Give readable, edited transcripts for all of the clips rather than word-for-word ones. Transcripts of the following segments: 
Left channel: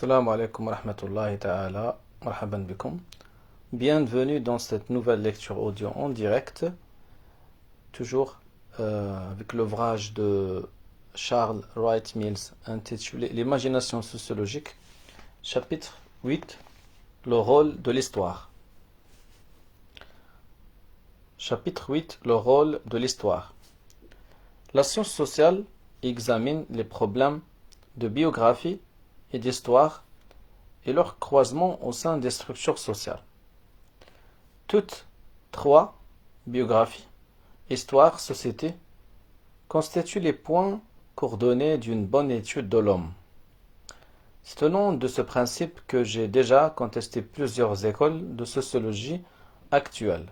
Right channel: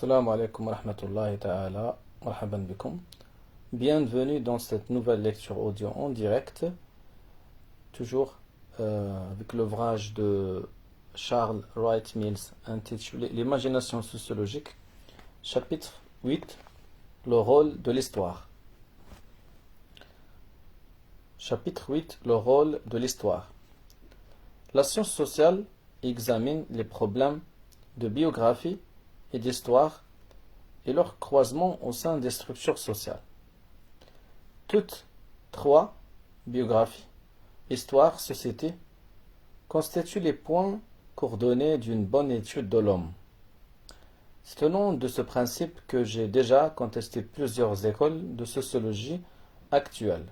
Assalamu alaikum wa rahmatullahi ta'ala, marhaban bikum. Bienvenue dans cette nouvelle lecture audio en direct, toujours avec l'ouvrage de Charles Wright Mills intitulé L'imagination sociologique, chapitre 8, le rôle de l'histoire. Chapitre 8, le rôle de l'histoire. La science sociale examine les problèmes de biographie et d'histoire et leur croisement au sein des structures sociales. Toutes trois, biographie, histoire, société, constituent les points coordonnés d'une bonne étude de l'homme. C'est au nom de ce principe que j'ai déjà contesté plusieurs écoles de sociologie actuelles,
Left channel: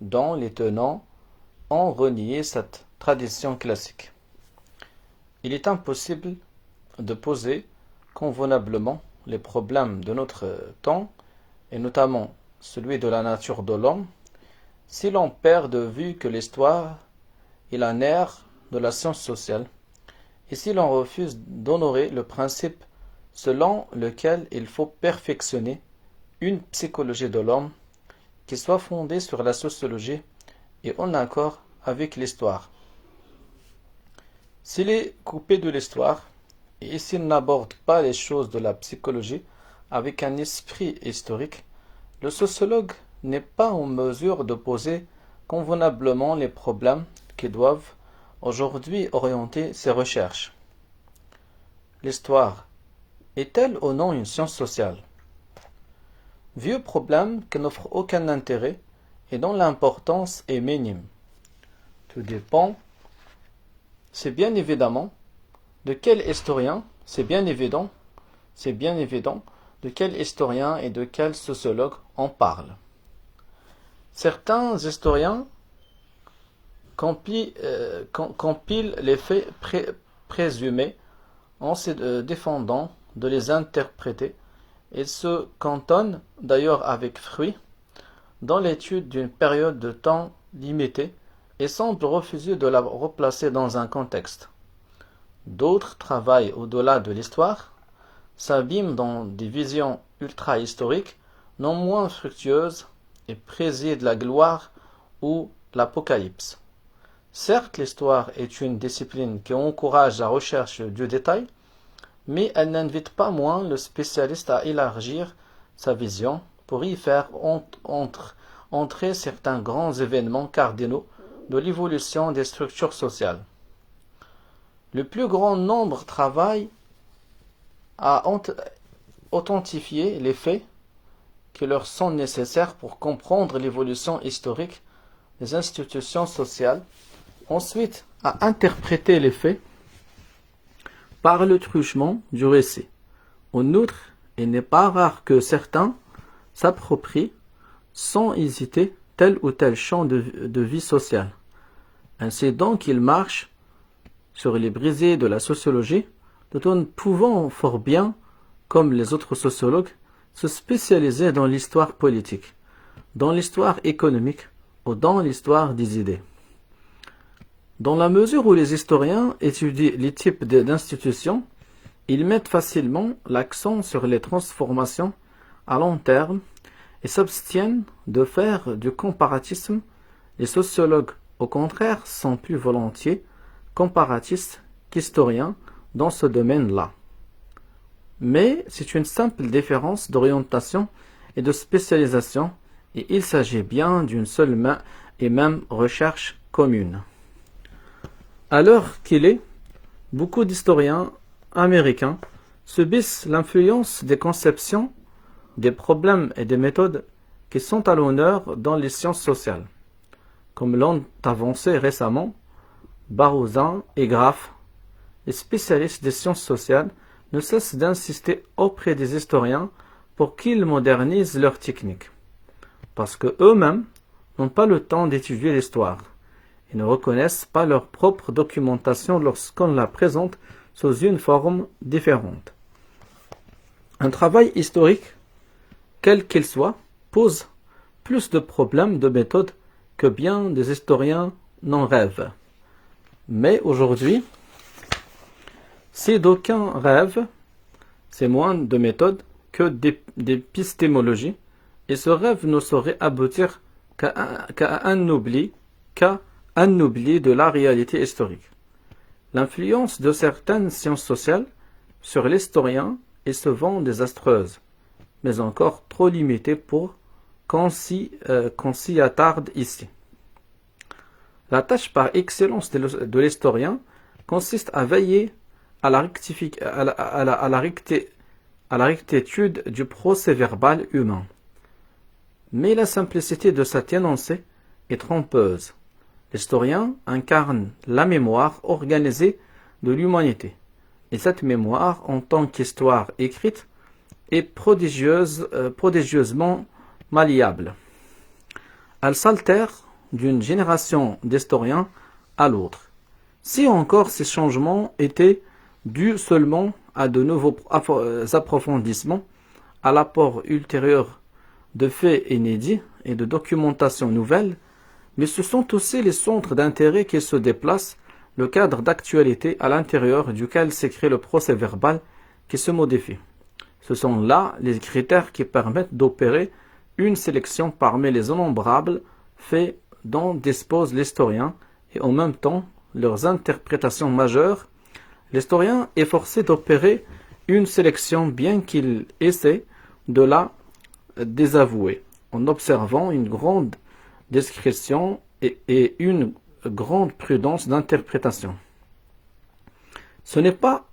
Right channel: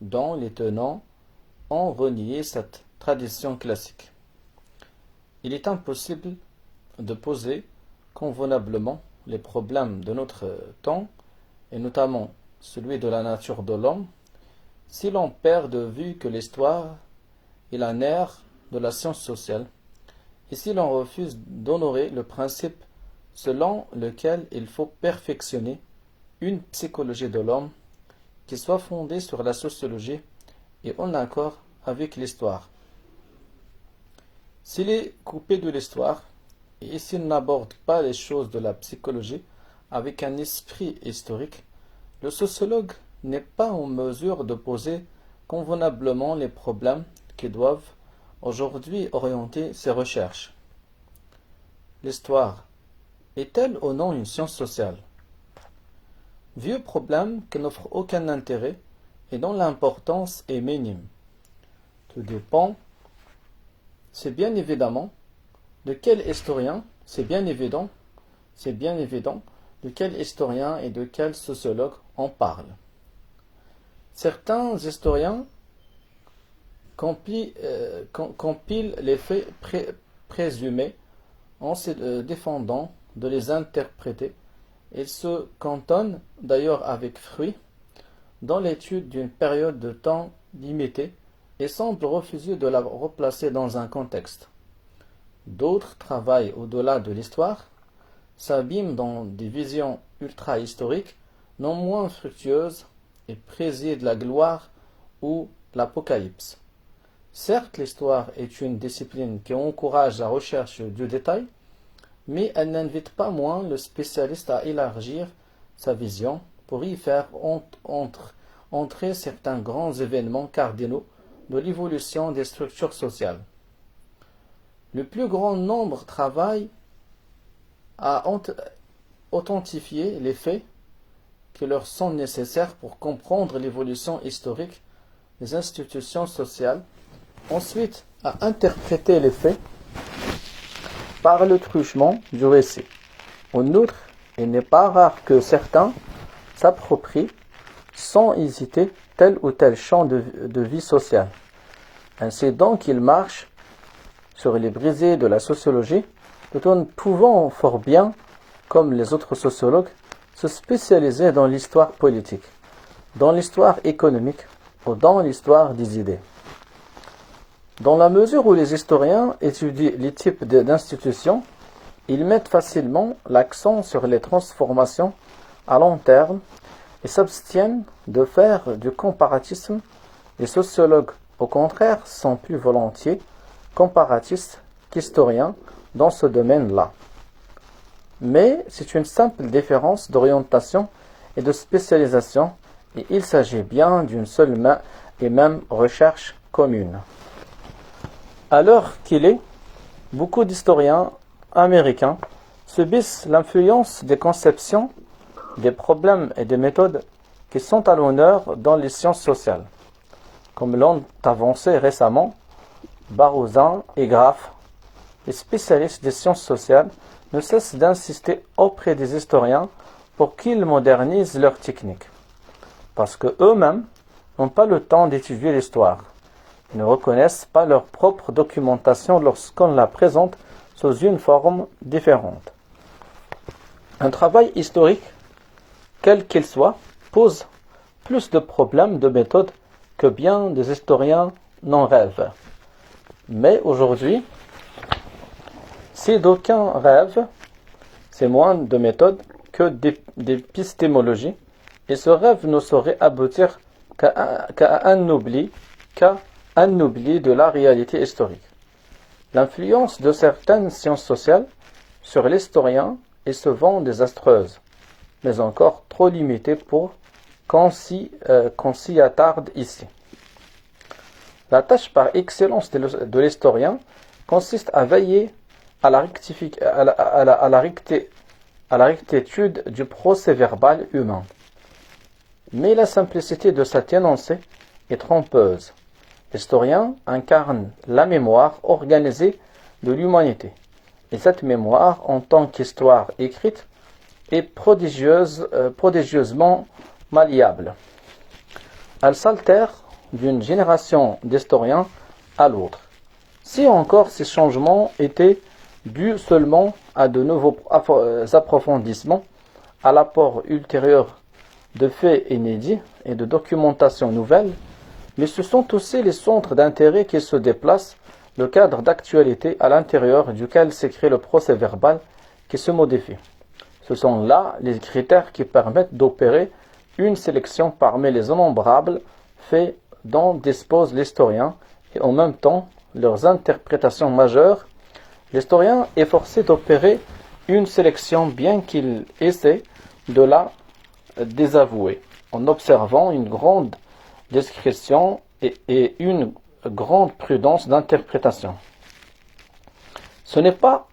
dont les tenants ont renié cette tradition classique. Il est impossible de poser convenablement les problèmes de notre temps, et notamment celui de la nature de l'homme, si l'on perd de vue que l'histoire est la nerf de la science sociale, et si l'on refuse d'honorer le principe selon lequel il faut perfectionner une psychologie de l'homme qui soit fondée sur la sociologie et en accord avec l'histoire. S'il est coupé de l'histoire, et s'il n'aborde pas les choses de la psychologie avec un esprit historique, le sociologue n'est pas en mesure de poser convenablement les problèmes qui doivent aujourd'hui orienter ses recherches. L'histoire est-elle ou non une science sociale? Vieux problème qui n'offre aucun intérêt et dont l'importance est minime. Tout dépend, c'est bien évident, de quel historien de quel historien et de quel sociologue on parle. Certains historiens compilent les faits présumés en se défendant de les interpréter et se cantonnent d'ailleurs avec fruit dans l'étude d'une période de temps limitée et semblent refuser de la replacer dans un contexte. D'autres travaillent au-delà de l'histoire, s'abîment dans des visions ultra-historiques non moins fructueuses et président la gloire ou l'apocalypse. Certes, l'histoire est une discipline qui encourage la recherche du détail, mais elle n'invite pas moins le spécialiste à élargir sa vision pour y faire entrer certains grands événements cardinaux de l'évolution des structures sociales. Le plus grand nombre travaille à authentifier les faits qui leur sont nécessaires pour comprendre l'évolution historique des institutions sociales, ensuite à interpréter les faits par le truchement du récit. En outre, il n'est pas rare que certains s'approprient sans hésiter tel ou tel champ de vie sociale. Ainsi donc, ils marchent sur les brisées de la sociologie, tout en pouvant fort bien, comme les autres sociologues, se spécialiser dans l'histoire politique, dans l'histoire économique ou dans l'histoire des idées. Dans la mesure où les historiens étudient les types d'institutions, ils mettent facilement l'accent sur les transformations à long terme et s'abstiennent de faire du comparatisme. Les sociologues, au contraire, sont plus volontiers comparatistes qu'historiens dans ce domaine-là. Mais c'est une simple différence d'orientation et de spécialisation, et il s'agit bien d'une seule et même recherche commune. À l'heure qu'il est, beaucoup d'historiens américains subissent l'influence des conceptions, des problèmes et des méthodes qui sont à l'honneur dans les sciences sociales, comme l'ont avancé récemment Barouzan et Graff. Les spécialistes des sciences sociales ne cessent d'insister auprès des historiens pour qu'ils modernisent leurs techniques, parce que eux-mêmes n'ont pas le temps d'étudier l'histoire. Ils ne reconnaissent pas leur propre documentation lorsqu'on la présente sous une forme différente. Un travail historique, quel qu'il soit, pose plus de problèmes de méthode que bien des historiens n'en rêvent. Mais aujourd'hui, si d'aucuns rêvent, c'est moins de méthode que d'épistémologie, et ce rêve ne saurait aboutir qu'à un oubli de la réalité historique. L'influence de certaines sciences sociales sur l'historien est souvent désastreuse, mais encore trop limitée pour qu'on s'y attarde ici. La tâche par excellence de l'historien consiste à veiller à la rectitude du procès-verbal humain. Mais la simplicité de cet énoncé est trompeuse. L'historien incarne la mémoire organisée de l'humanité. Et cette mémoire, en tant qu'histoire écrite, est prodigieusement malléable. Elle s'altère d'une génération d'historiens à l'autre. Si encore ces changements étaient dus seulement à de nouveaux approfondissements, à l'apport ultérieur de faits inédits et de documentation nouvelle, mais ce sont aussi les centres d'intérêt qui se déplacent, le cadre d'actualité à l'intérieur duquel s'écrit le procès-verbal qui se modifie. Ce sont là les critères qui permettent d'opérer une sélection parmi les innombrables faits dont dispose l'historien et en même temps leurs interprétations majeures. L'historien est forcé d'opérer une sélection bien qu'il essaie de la désavouer en observant une grande discrétion et une grande prudence d'interprétation. Ce n'est pas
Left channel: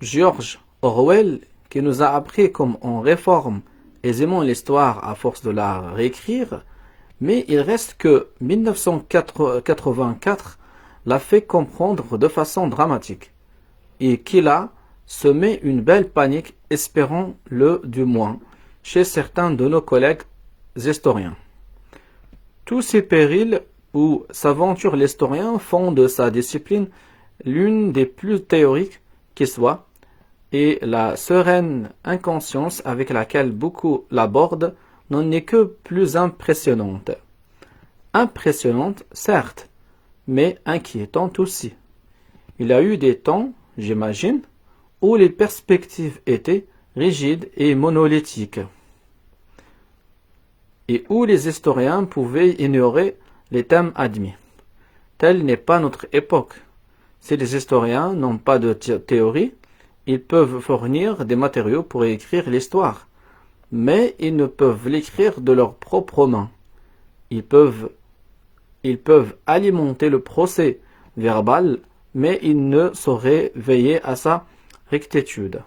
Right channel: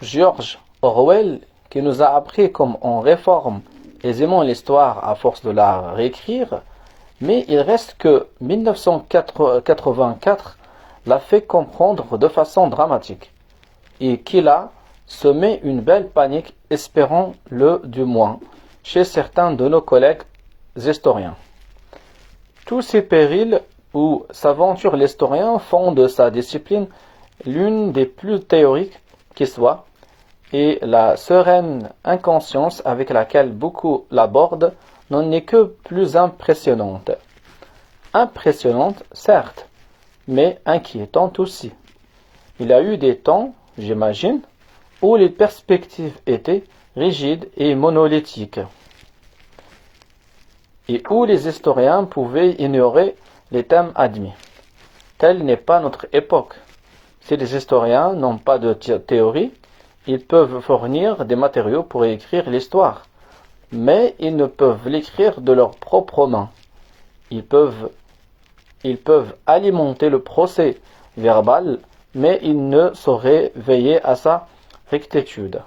George Orwell qui nous a appris comme on réforme aisément l'histoire à force de la réécrire, mais il reste que 1984 l'a fait comprendre de façon dramatique et qu'il a semé une belle panique, espérons-le du moins, chez certains de nos collègues historiens. Tous ces périls où s'aventure l'historien font de sa discipline l'une des plus théoriques qui soit, et la sereine inconscience avec laquelle beaucoup l'abordent n'en est que plus impressionnante. Impressionnante, certes, mais inquiétante aussi. Il y a eu des temps, j'imagine, où les perspectives étaient rigides et monolithiques, et où les historiens pouvaient ignorer les thèmes admis. Telle n'est pas notre époque. Si les historiens n'ont pas de théorie, ils peuvent fournir des matériaux pour écrire l'histoire, mais ils ne peuvent l'écrire de leurs propres mains. Ils peuvent alimenter le procès verbal, mais ils ne sauraient veiller à sa rectitude.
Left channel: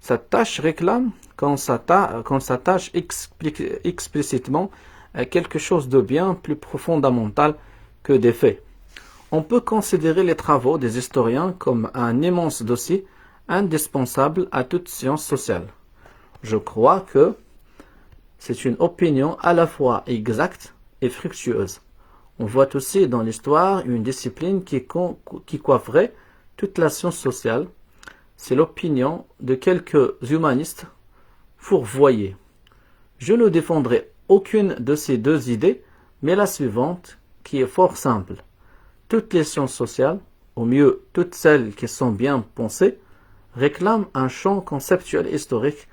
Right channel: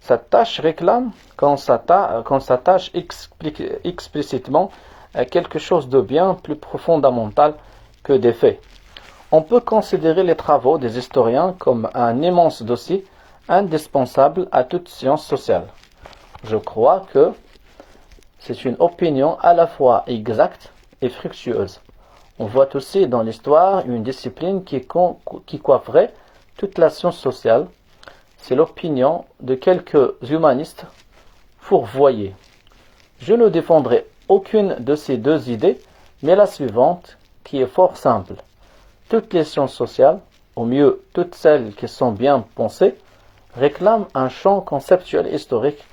Cette tâche réclame qu'on s'attache explicitement à quelque chose de bien plus fondamental que des faits. On peut considérer les travaux des historiens comme un immense dossier indispensable à toute science sociale. Je crois que c'est une opinion à la fois exacte et fructueuse. On voit aussi dans l'histoire une discipline qui coifferait toute la science sociale. C'est l'opinion de quelques humanistes fourvoyés. Je ne défendrai aucune de ces deux idées, mais la suivante, qui est fort simple. Toutes les sciences sociales, au mieux toutes celles qui sont bien pensées, réclament un champ conceptuel historique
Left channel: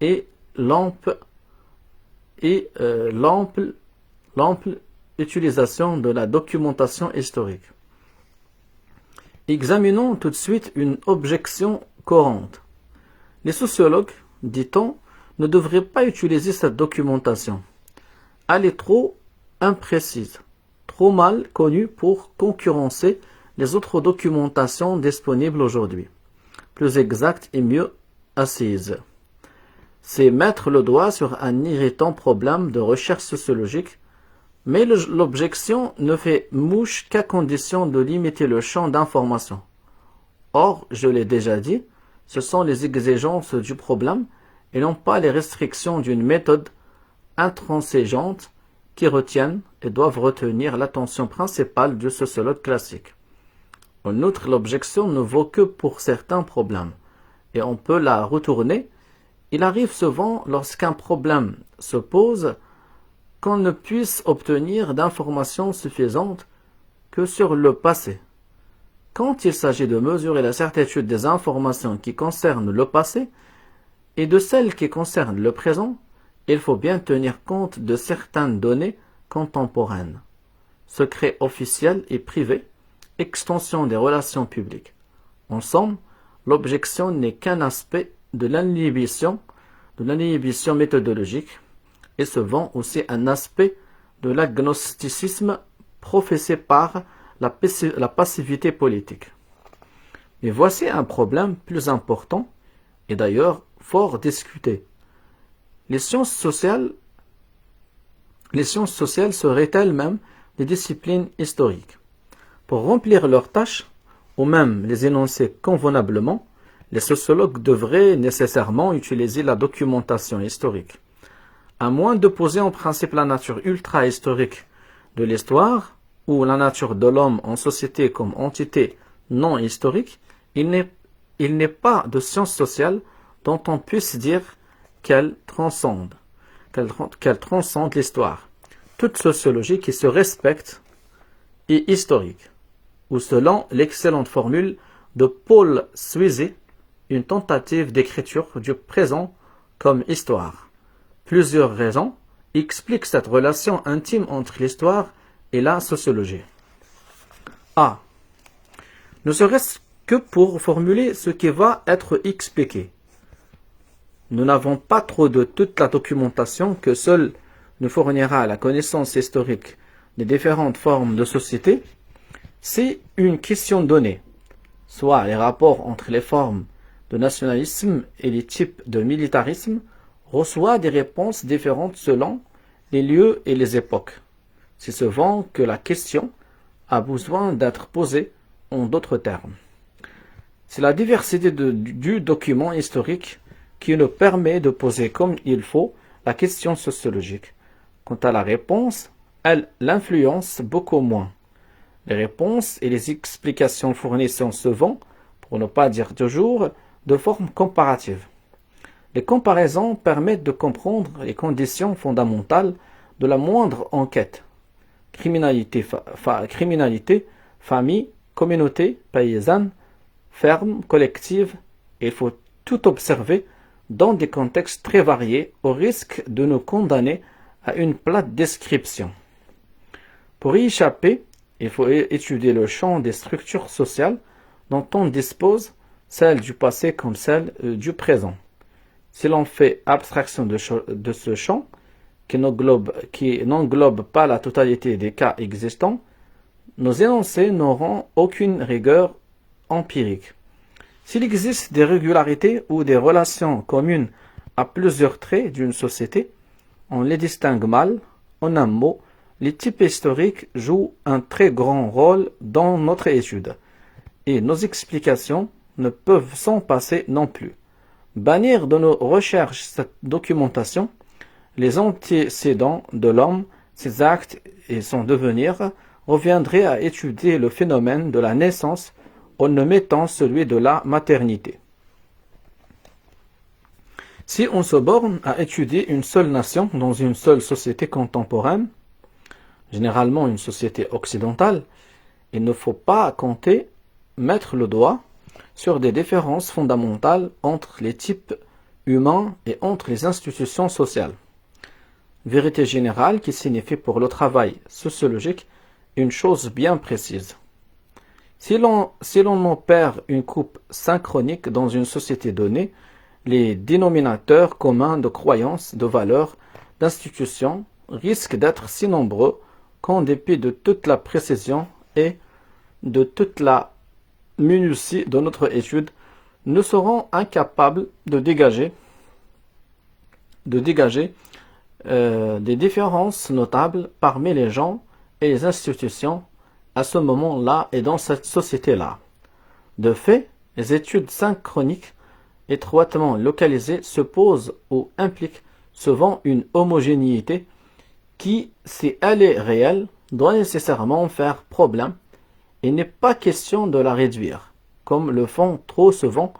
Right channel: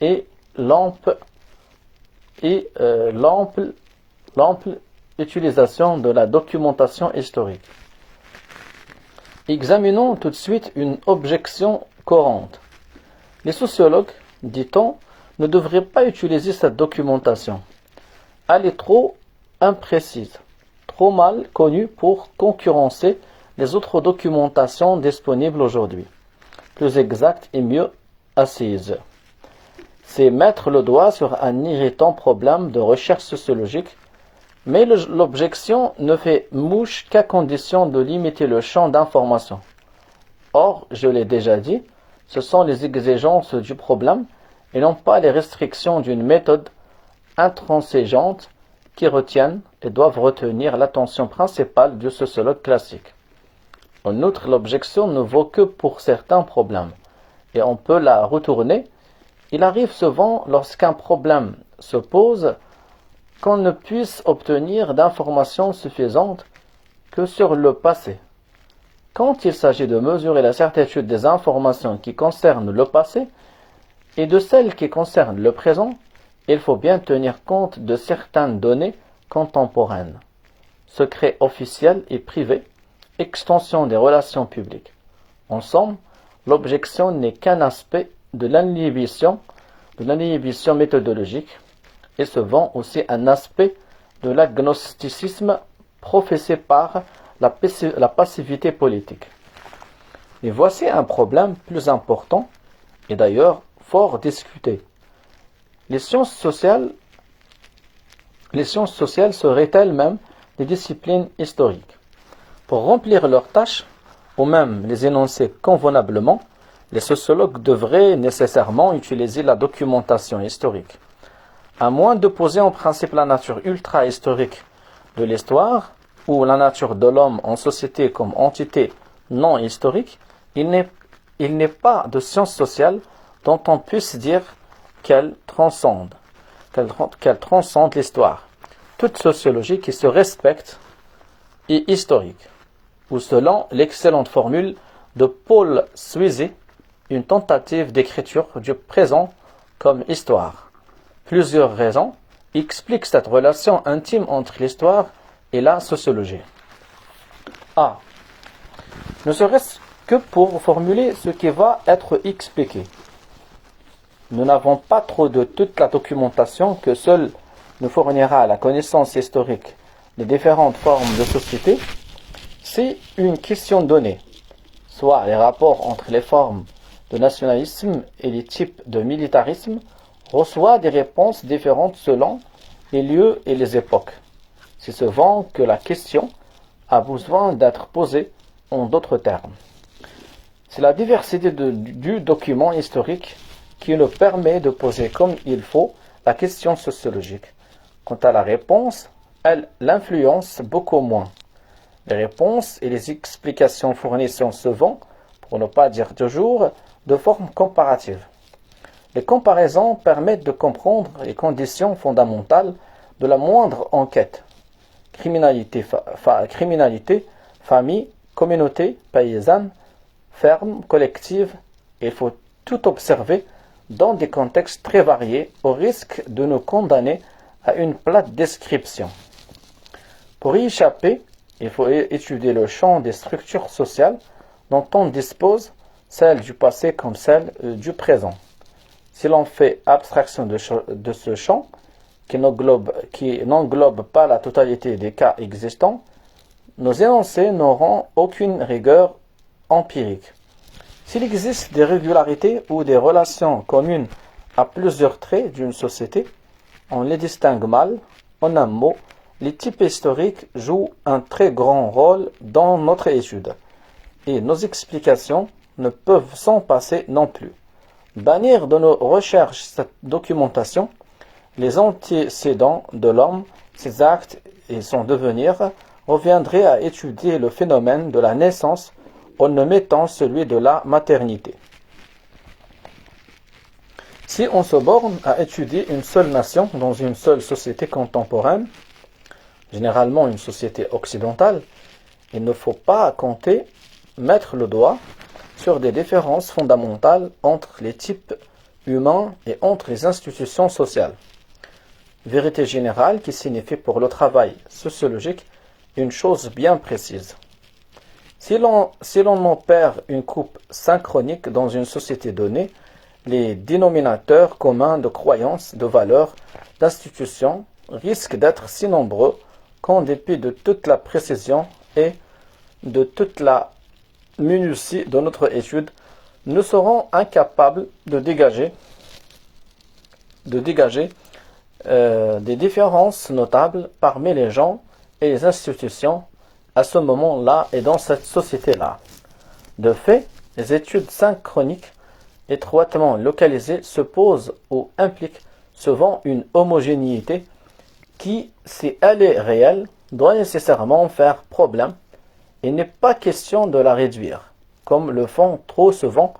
et l'ample utilisation de la documentation historique. Examinons tout de suite une objection courante. Les sociologues, dit-on, ne devraient pas utiliser cette documentation. Elle est trop imprécise, trop mal connue pour concurrencer les autres documentations disponibles aujourd'hui. Plus exacte et mieux assise. C'est mettre le doigt sur un irritant problème de recherche sociologique, mais l'objection ne fait mouche qu'à condition de limiter le champ d'information. Or, je l'ai déjà dit, ce sont les exigences du problème et non pas les restrictions d'une méthode intransigeante qui retiennent et doivent retenir l'attention principale du sociologue classique. En outre, l'objection ne vaut que pour certains problèmes, et on peut la retourner. Il arrive souvent, lorsqu'un problème se pose, qu'on ne puisse obtenir d'informations suffisantes que sur le passé. Quand il s'agit de mesurer la certitude des informations qui concernent le passé, et de celles qui concernent le présent, il faut bien tenir compte de certaines données contemporaines. Secrets officiels et privés, extension des relations publiques. En somme, l'objection n'est qu'un aspect de l'inhibition méthodologique et souvent aussi un aspect de l'agnosticisme professé par la passivité politique. Et voici un problème plus important et d'ailleurs fort discuté. Les sciences sociales seraient elles-mêmes des disciplines historiques. Pour remplir leurs tâches, ou même les énoncer convenablement, les sociologues devraient nécessairement utiliser la documentation historique. À moins d'opposer en principe la nature ultra-historique de l'histoire, ou la nature de l'homme en société comme entité non historique, il n'est pas de science sociale dont on puisse dire qu'elle transcende l'histoire. Toute sociologie qui se respecte est historique, ou selon l'excellente formule de Paul Sweezy, une tentative d'écriture du présent comme histoire. Plusieurs raisons expliquent cette relation intime entre l'histoire et la sociologie. A. Ne serait-ce que pour formuler ce qui va être expliqué. Nous n'avons pas trop de toute la documentation que seule nous fournira la connaissance historique des différentes formes de société. C'est une question donnée, soit les rapports entre les formes de nationalisme et les types de militarisme, reçoit des réponses différentes selon les lieux et les époques. C'est souvent que la question a besoin d'être posée en d'autres termes. C'est la diversité du document historique qui nous permet de poser comme il faut la question sociologique. Quant à la réponse, elle l'influence beaucoup moins. Les réponses et les explications fournies sont souvent, pour ne pas dire toujours, de forme comparative. Les comparaisons permettent de comprendre les conditions fondamentales de la moindre enquête. Criminalité, famille, communauté, paysanne, ferme, collective. Il faut tout observer dans des contextes très variés au risque de nous condamner à une plate description. Pour y échapper, il faut étudier le champ des structures sociales dont on dispose, celles du passé comme celles du présent. Si l'on fait abstraction de ce champ, qui n'englobe pas la totalité des cas existants, nos énoncés n'auront aucune rigueur empirique. S'il existe des régularités ou des relations communes à plusieurs traits d'une société, on les distingue mal. En un mot, les types historiques jouent un très grand rôle dans notre étude, et nos explications ne peuvent s'en passer non plus. Bannir de nos recherches cette documentation, les antécédents de l'homme, ses actes et son devenir, reviendrait à étudier le phénomène de la naissance en omettant celui de la maternité. Si on se borne à étudier une seule nation dans une seule société contemporaine, généralement une société occidentale, il ne faut pas mettre le doigt sur des différences fondamentales entre les types humains et entre les institutions sociales. Vérité générale qui signifie pour le travail sociologique une chose bien précise. Si l'on opère une coupe synchronique dans une société donnée, les dénominateurs communs de croyances, de valeurs, d'institutions risquent d'être si nombreux qu'en dépit de toute la précision et de toute la minutie de notre étude, nous serons incapables de dégager des différences notables parmi les gens et les institutions à ce moment-là et dans cette société-là. De fait, les études synchroniques étroitement localisées se posent ou impliquent souvent une homogénéité qui, si elle est réelle, doit nécessairement faire problème. Il n'est pas question de la réduire, comme le font trop souvent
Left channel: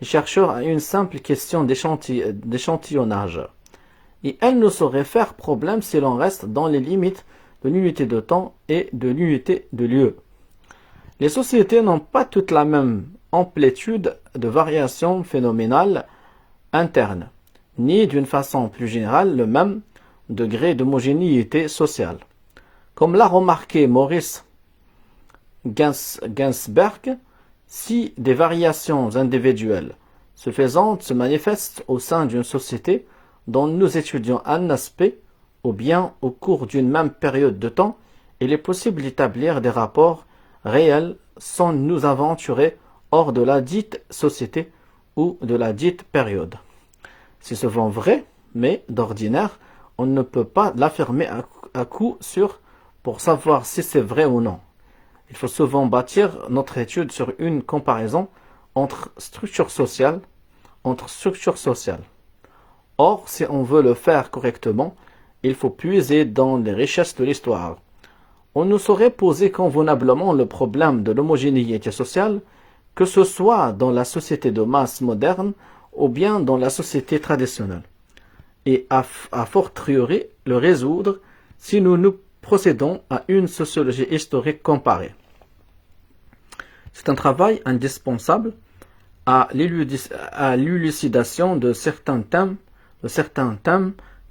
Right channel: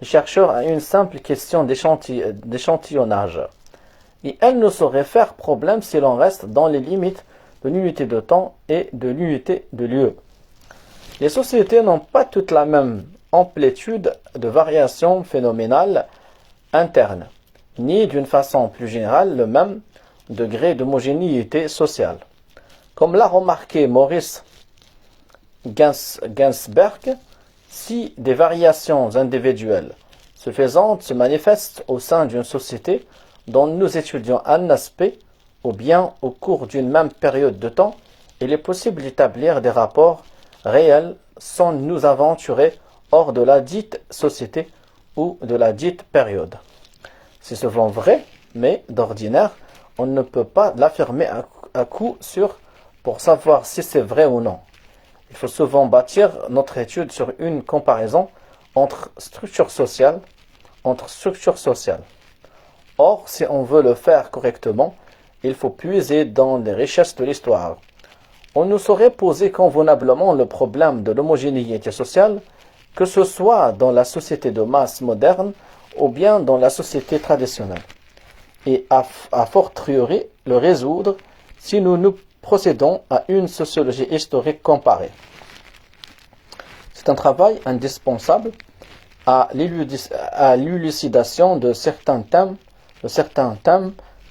les chercheurs à une simple question d'échantillonnage. Et elle ne saurait faire problème si l'on reste dans les limites de l'unité de temps et de l'unité de lieu. Les sociétés n'ont pas toutes la même amplitude de variation phénoménale interne, ni d'une façon plus générale le même degré d'homogénéité sociale. Comme l'a remarqué Maurice Ginsberg, si des variations individuelles suffisantes se manifestent au sein d'une société dont nous étudions un aspect, ou bien au cours d'une même période de temps, il est possible d'établir des rapports réels sans nous aventurer hors de la dite société ou de la dite période. C'est souvent vrai, mais d'ordinaire, on ne peut pas l'affirmer à coup sûr pour savoir si c'est vrai ou non. Il faut souvent bâtir notre étude sur une comparaison entre structures sociales. Or, si on veut le faire correctement, il faut puiser dans les richesses de l'histoire. On ne saurait poser convenablement le problème de l'homogénéité sociale, que ce soit dans la société de masse moderne ou bien dans la société traditionnelle, et à fortiori le résoudre si nous procédons à une sociologie historique comparée. C'est un travail indispensable à l'élucidation de certains thèmes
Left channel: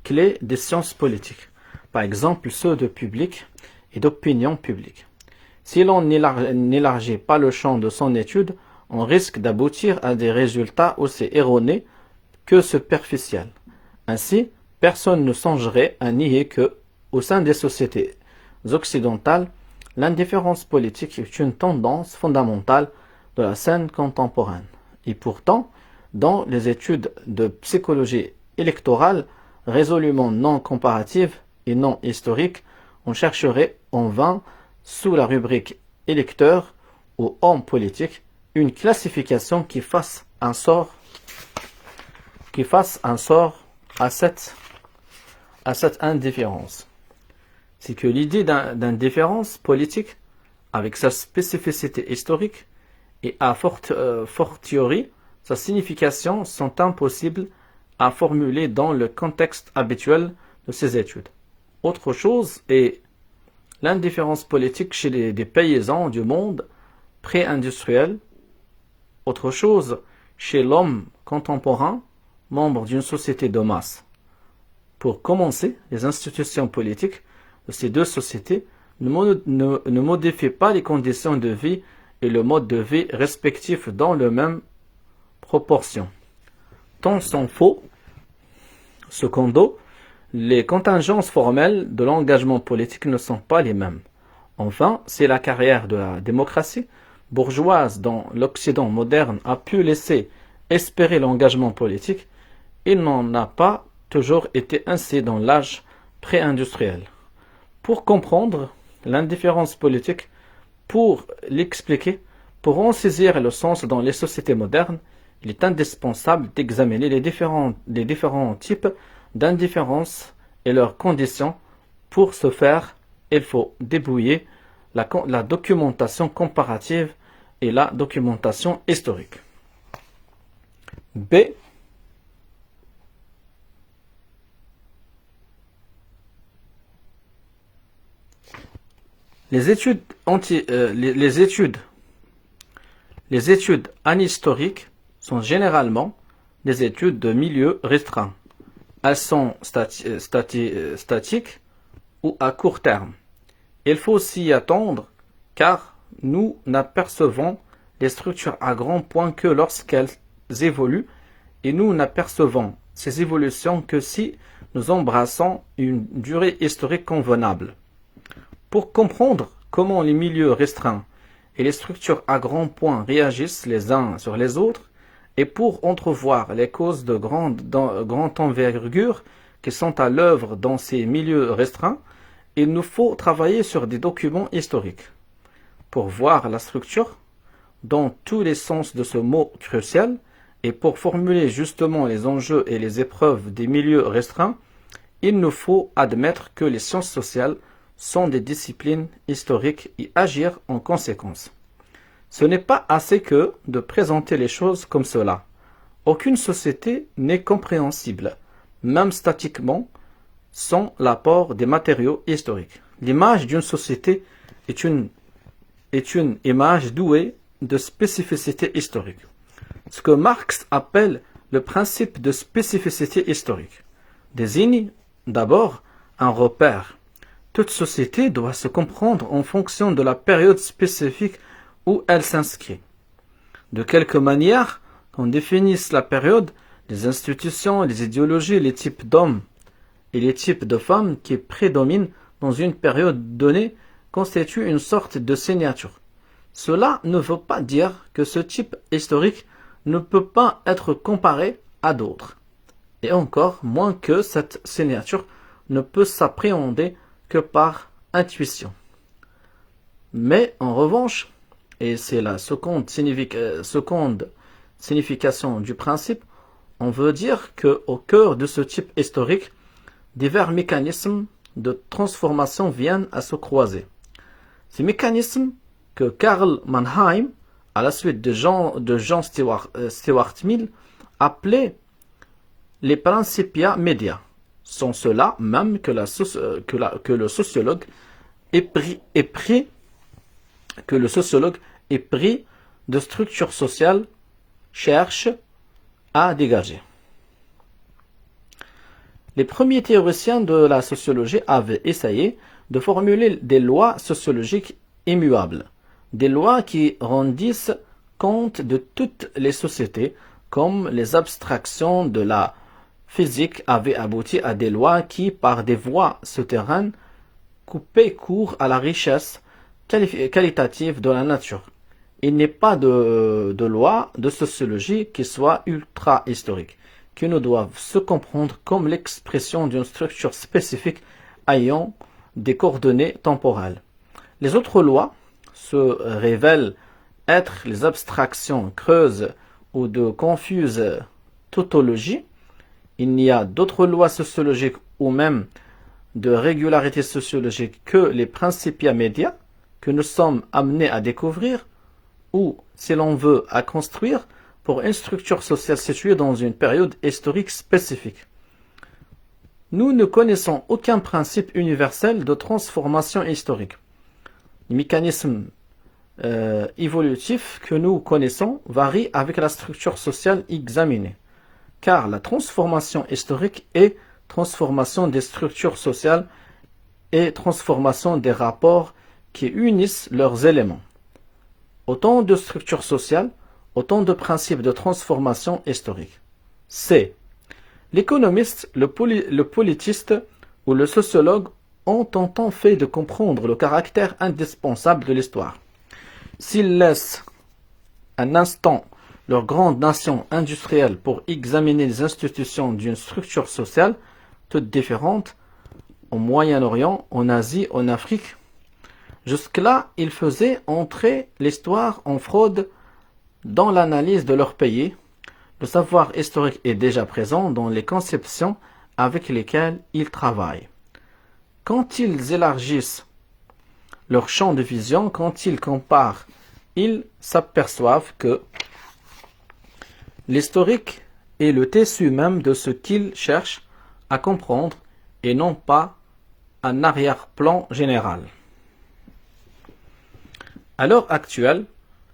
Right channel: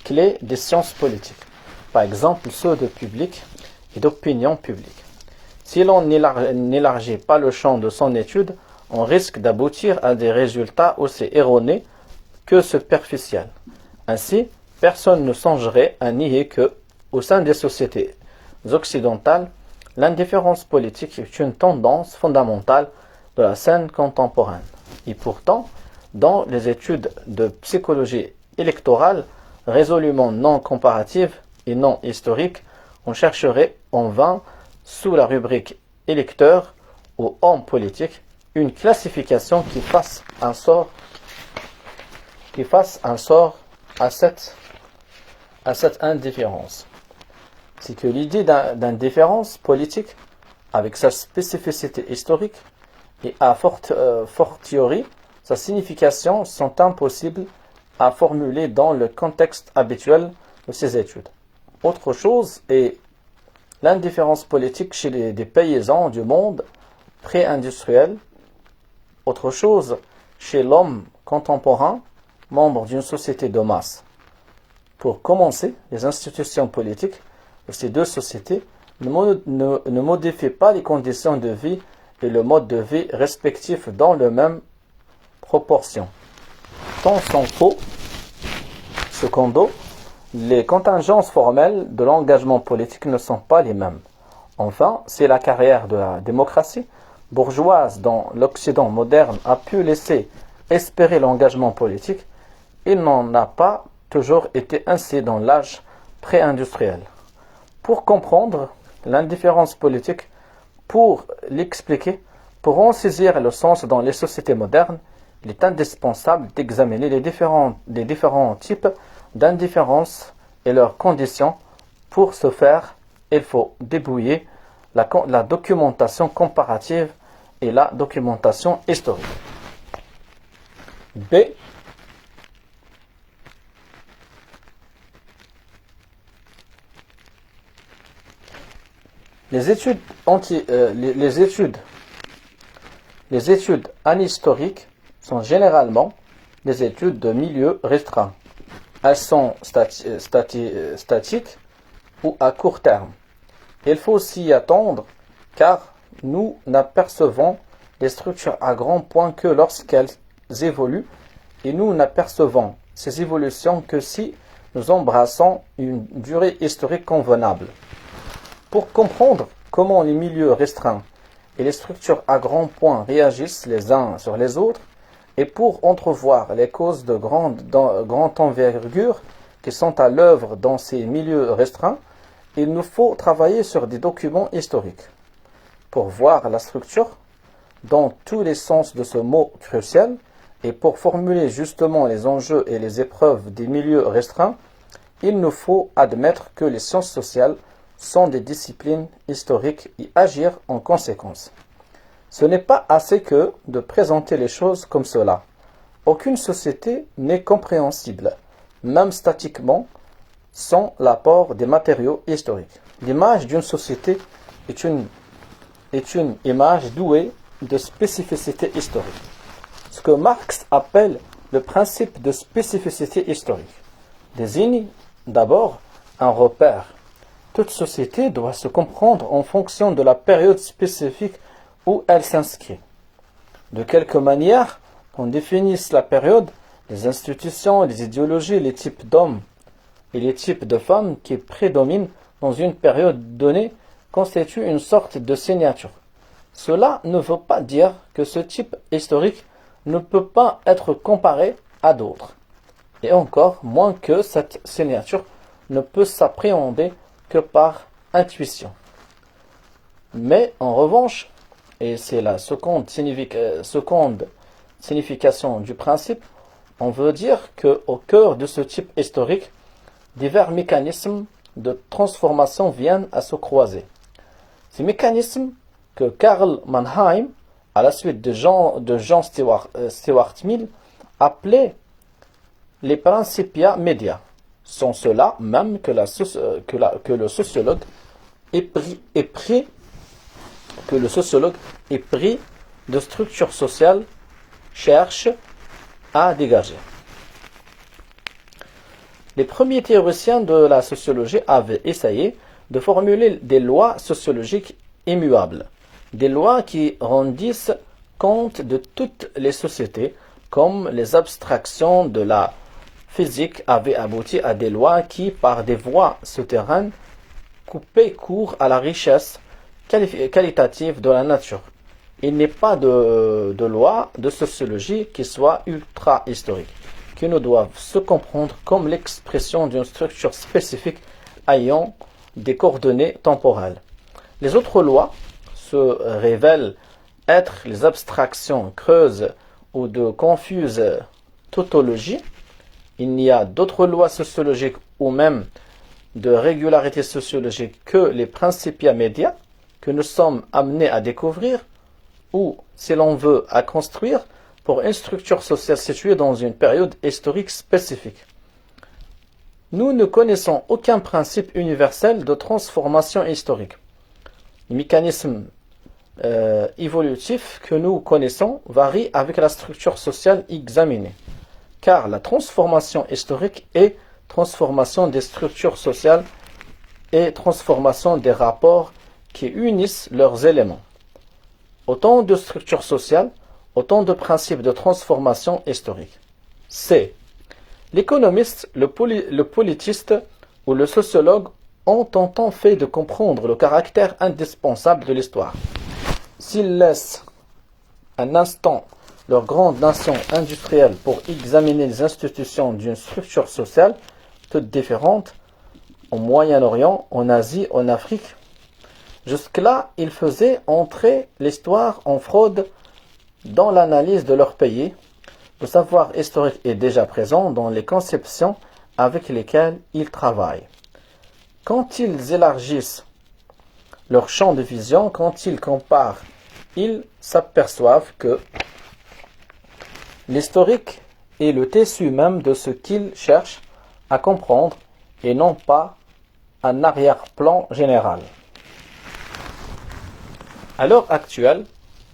clés des sciences politiques, par exemple ceux de public et d'opinion publique. Si l'on n'élargit pas le champ de son étude, on risque d'aboutir à des résultats aussi erronés que superficiels. Ainsi, personne ne songerait à nier que, au sein des sociétés occidentales, l'indifférence politique est une tendance fondamentale de la scène contemporaine. Et pourtant, dans les études de psychologie électorale résolument non comparative et non historique, on chercherait en vain, sous la rubrique électeur ou homme politique, une classification qui fasse un sort à cette indifférence. C'est que l'idée d'indifférence politique, avec sa spécificité historique et à fortiori sa signification, sont impossibles à formuler dans le contexte habituel de ces études. Autre chose est l'indifférence politique chez des paysans du monde pré-industriel. Autre chose chez l'homme contemporain, membre d'une société de masse. Pour commencer, les institutions politiques de ces deux sociétés ne modifient pas les conditions de vie et le mode de vie respectifs dans la même proportion. Tant s'en faut, secondo, les contingences formelles de l'engagement politique ne sont pas les mêmes. Enfin, si la carrière de la démocratie bourgeoise dans l'Occident moderne a pu laisser espérer l'engagement politique, il n'en a pas toujours été ainsi dans l'âge pré-industriel. Pour comprendre l'indifférence politique, pour l'expliquer, pour en saisir le sens dans les sociétés modernes, il est indispensable d'examiner les différents types d'indifférence et leurs conditions. Pour ce faire, il faut débrouiller la documentation comparative et la documentation historique. B. Les études anhistoriques sont généralement des études de milieu restreint. Elles sont statiques ou à court terme. Il faut s'y attendre car nous n'apercevons les structures à grand point que lorsqu'elles évoluent et nous n'apercevons ces évolutions que si nous embrassons une durée historique convenable. Pour comprendre comment les milieux restreints et les structures à grand point réagissent les uns sur les autres, et pour entrevoir les causes de grande envergure qui sont à l'œuvre dans ces milieux restreints, il nous faut travailler sur des documents historiques. Pour voir la structure, dans tous les sens de ce mot crucial, et pour formuler justement les enjeux et les épreuves des milieux restreints, il nous faut admettre que les sciences sociales sont des disciplines historiques et agir en conséquence. Ce n'est pas assez que de présenter les choses comme cela. Aucune société n'est compréhensible, même statiquement, sans l'apport des matériaux historiques. L'image d'une société est une image douée de spécificité historique. Ce que Marx appelle Le principe de spécificité historique désigne d'abord un repère. Toute société doit se comprendre en fonction de la période spécifique où elle s'inscrit. De quelque manière qu'on définisse la période, les institutions, les idéologies, les types d'hommes et les types de femmes qui prédominent dans une période donnée constituent une sorte de signature. Cela ne veut pas dire que ce type historique ne peut pas être comparé à d'autres, et encore moins que cette signature ne peut s'appréhender que par intuition. Mais en revanche, et c'est la seconde signification du principe, on veut dire qu'au cœur de ce type historique, divers mécanismes de transformation viennent à se croiser. Ces mécanismes que Karl Mannheim, à la suite de John Stuart Mill, appelait les principia media, sont ceux-là même que le sociologue est pris de structures sociales cherche à dégager. Les premiers théoriciens de la sociologie avaient essayé de formuler des lois sociologiques immuables, des lois qui rendissent compte de toutes les sociétés, comme les abstractions de la physique avaient abouti à des lois qui, par des voies souterraines, coupaient court à la richesse qualitative de la nature. Il n'est pas de loi de sociologie qui soit ultra-historique, qui ne doivent se comprendre comme l'expression d'une structure spécifique ayant des coordonnées temporelles. Les autres lois se révèlent être les abstractions creuses ou de confuses tautologies. Il n'y a d'autres lois sociologiques ou même de régularité sociologique que les principia media que nous sommes amenés à découvrir ou, si l'on veut, à construire pour une structure sociale située dans une période historique spécifique. Nous ne connaissons aucun principe universel de transformation historique. Les mécanismes évolutifs que nous connaissons varient avec la structure sociale examinée, car la transformation historique est transformation des structures sociales et transformation des rapports qui unissent leurs éléments. Autant de structures sociales, autant de principes de transformation historique. C. L'économiste, le politiste ou le sociologue ont tentant fait de comprendre le caractère indispensable de l'histoire. S'ils laissent un instant leur grande nation industrielle pour examiner les institutions d'une structure sociale, toutes différentes, au Moyen-Orient, en Asie, en Afrique, jusque-là, ils faisaient entrer l'histoire en fraude dans l'analyse de leur pays. Le savoir historique est déjà présent dans les conceptions avec lesquelles ils travaillent. Quand ils élargissent leur champ de vision, quand ils comparent, ils s'aperçoivent que l'historique est le tissu même de ce qu'ils cherchent à comprendre et non pas un arrière-plan général. À l'heure actuelle,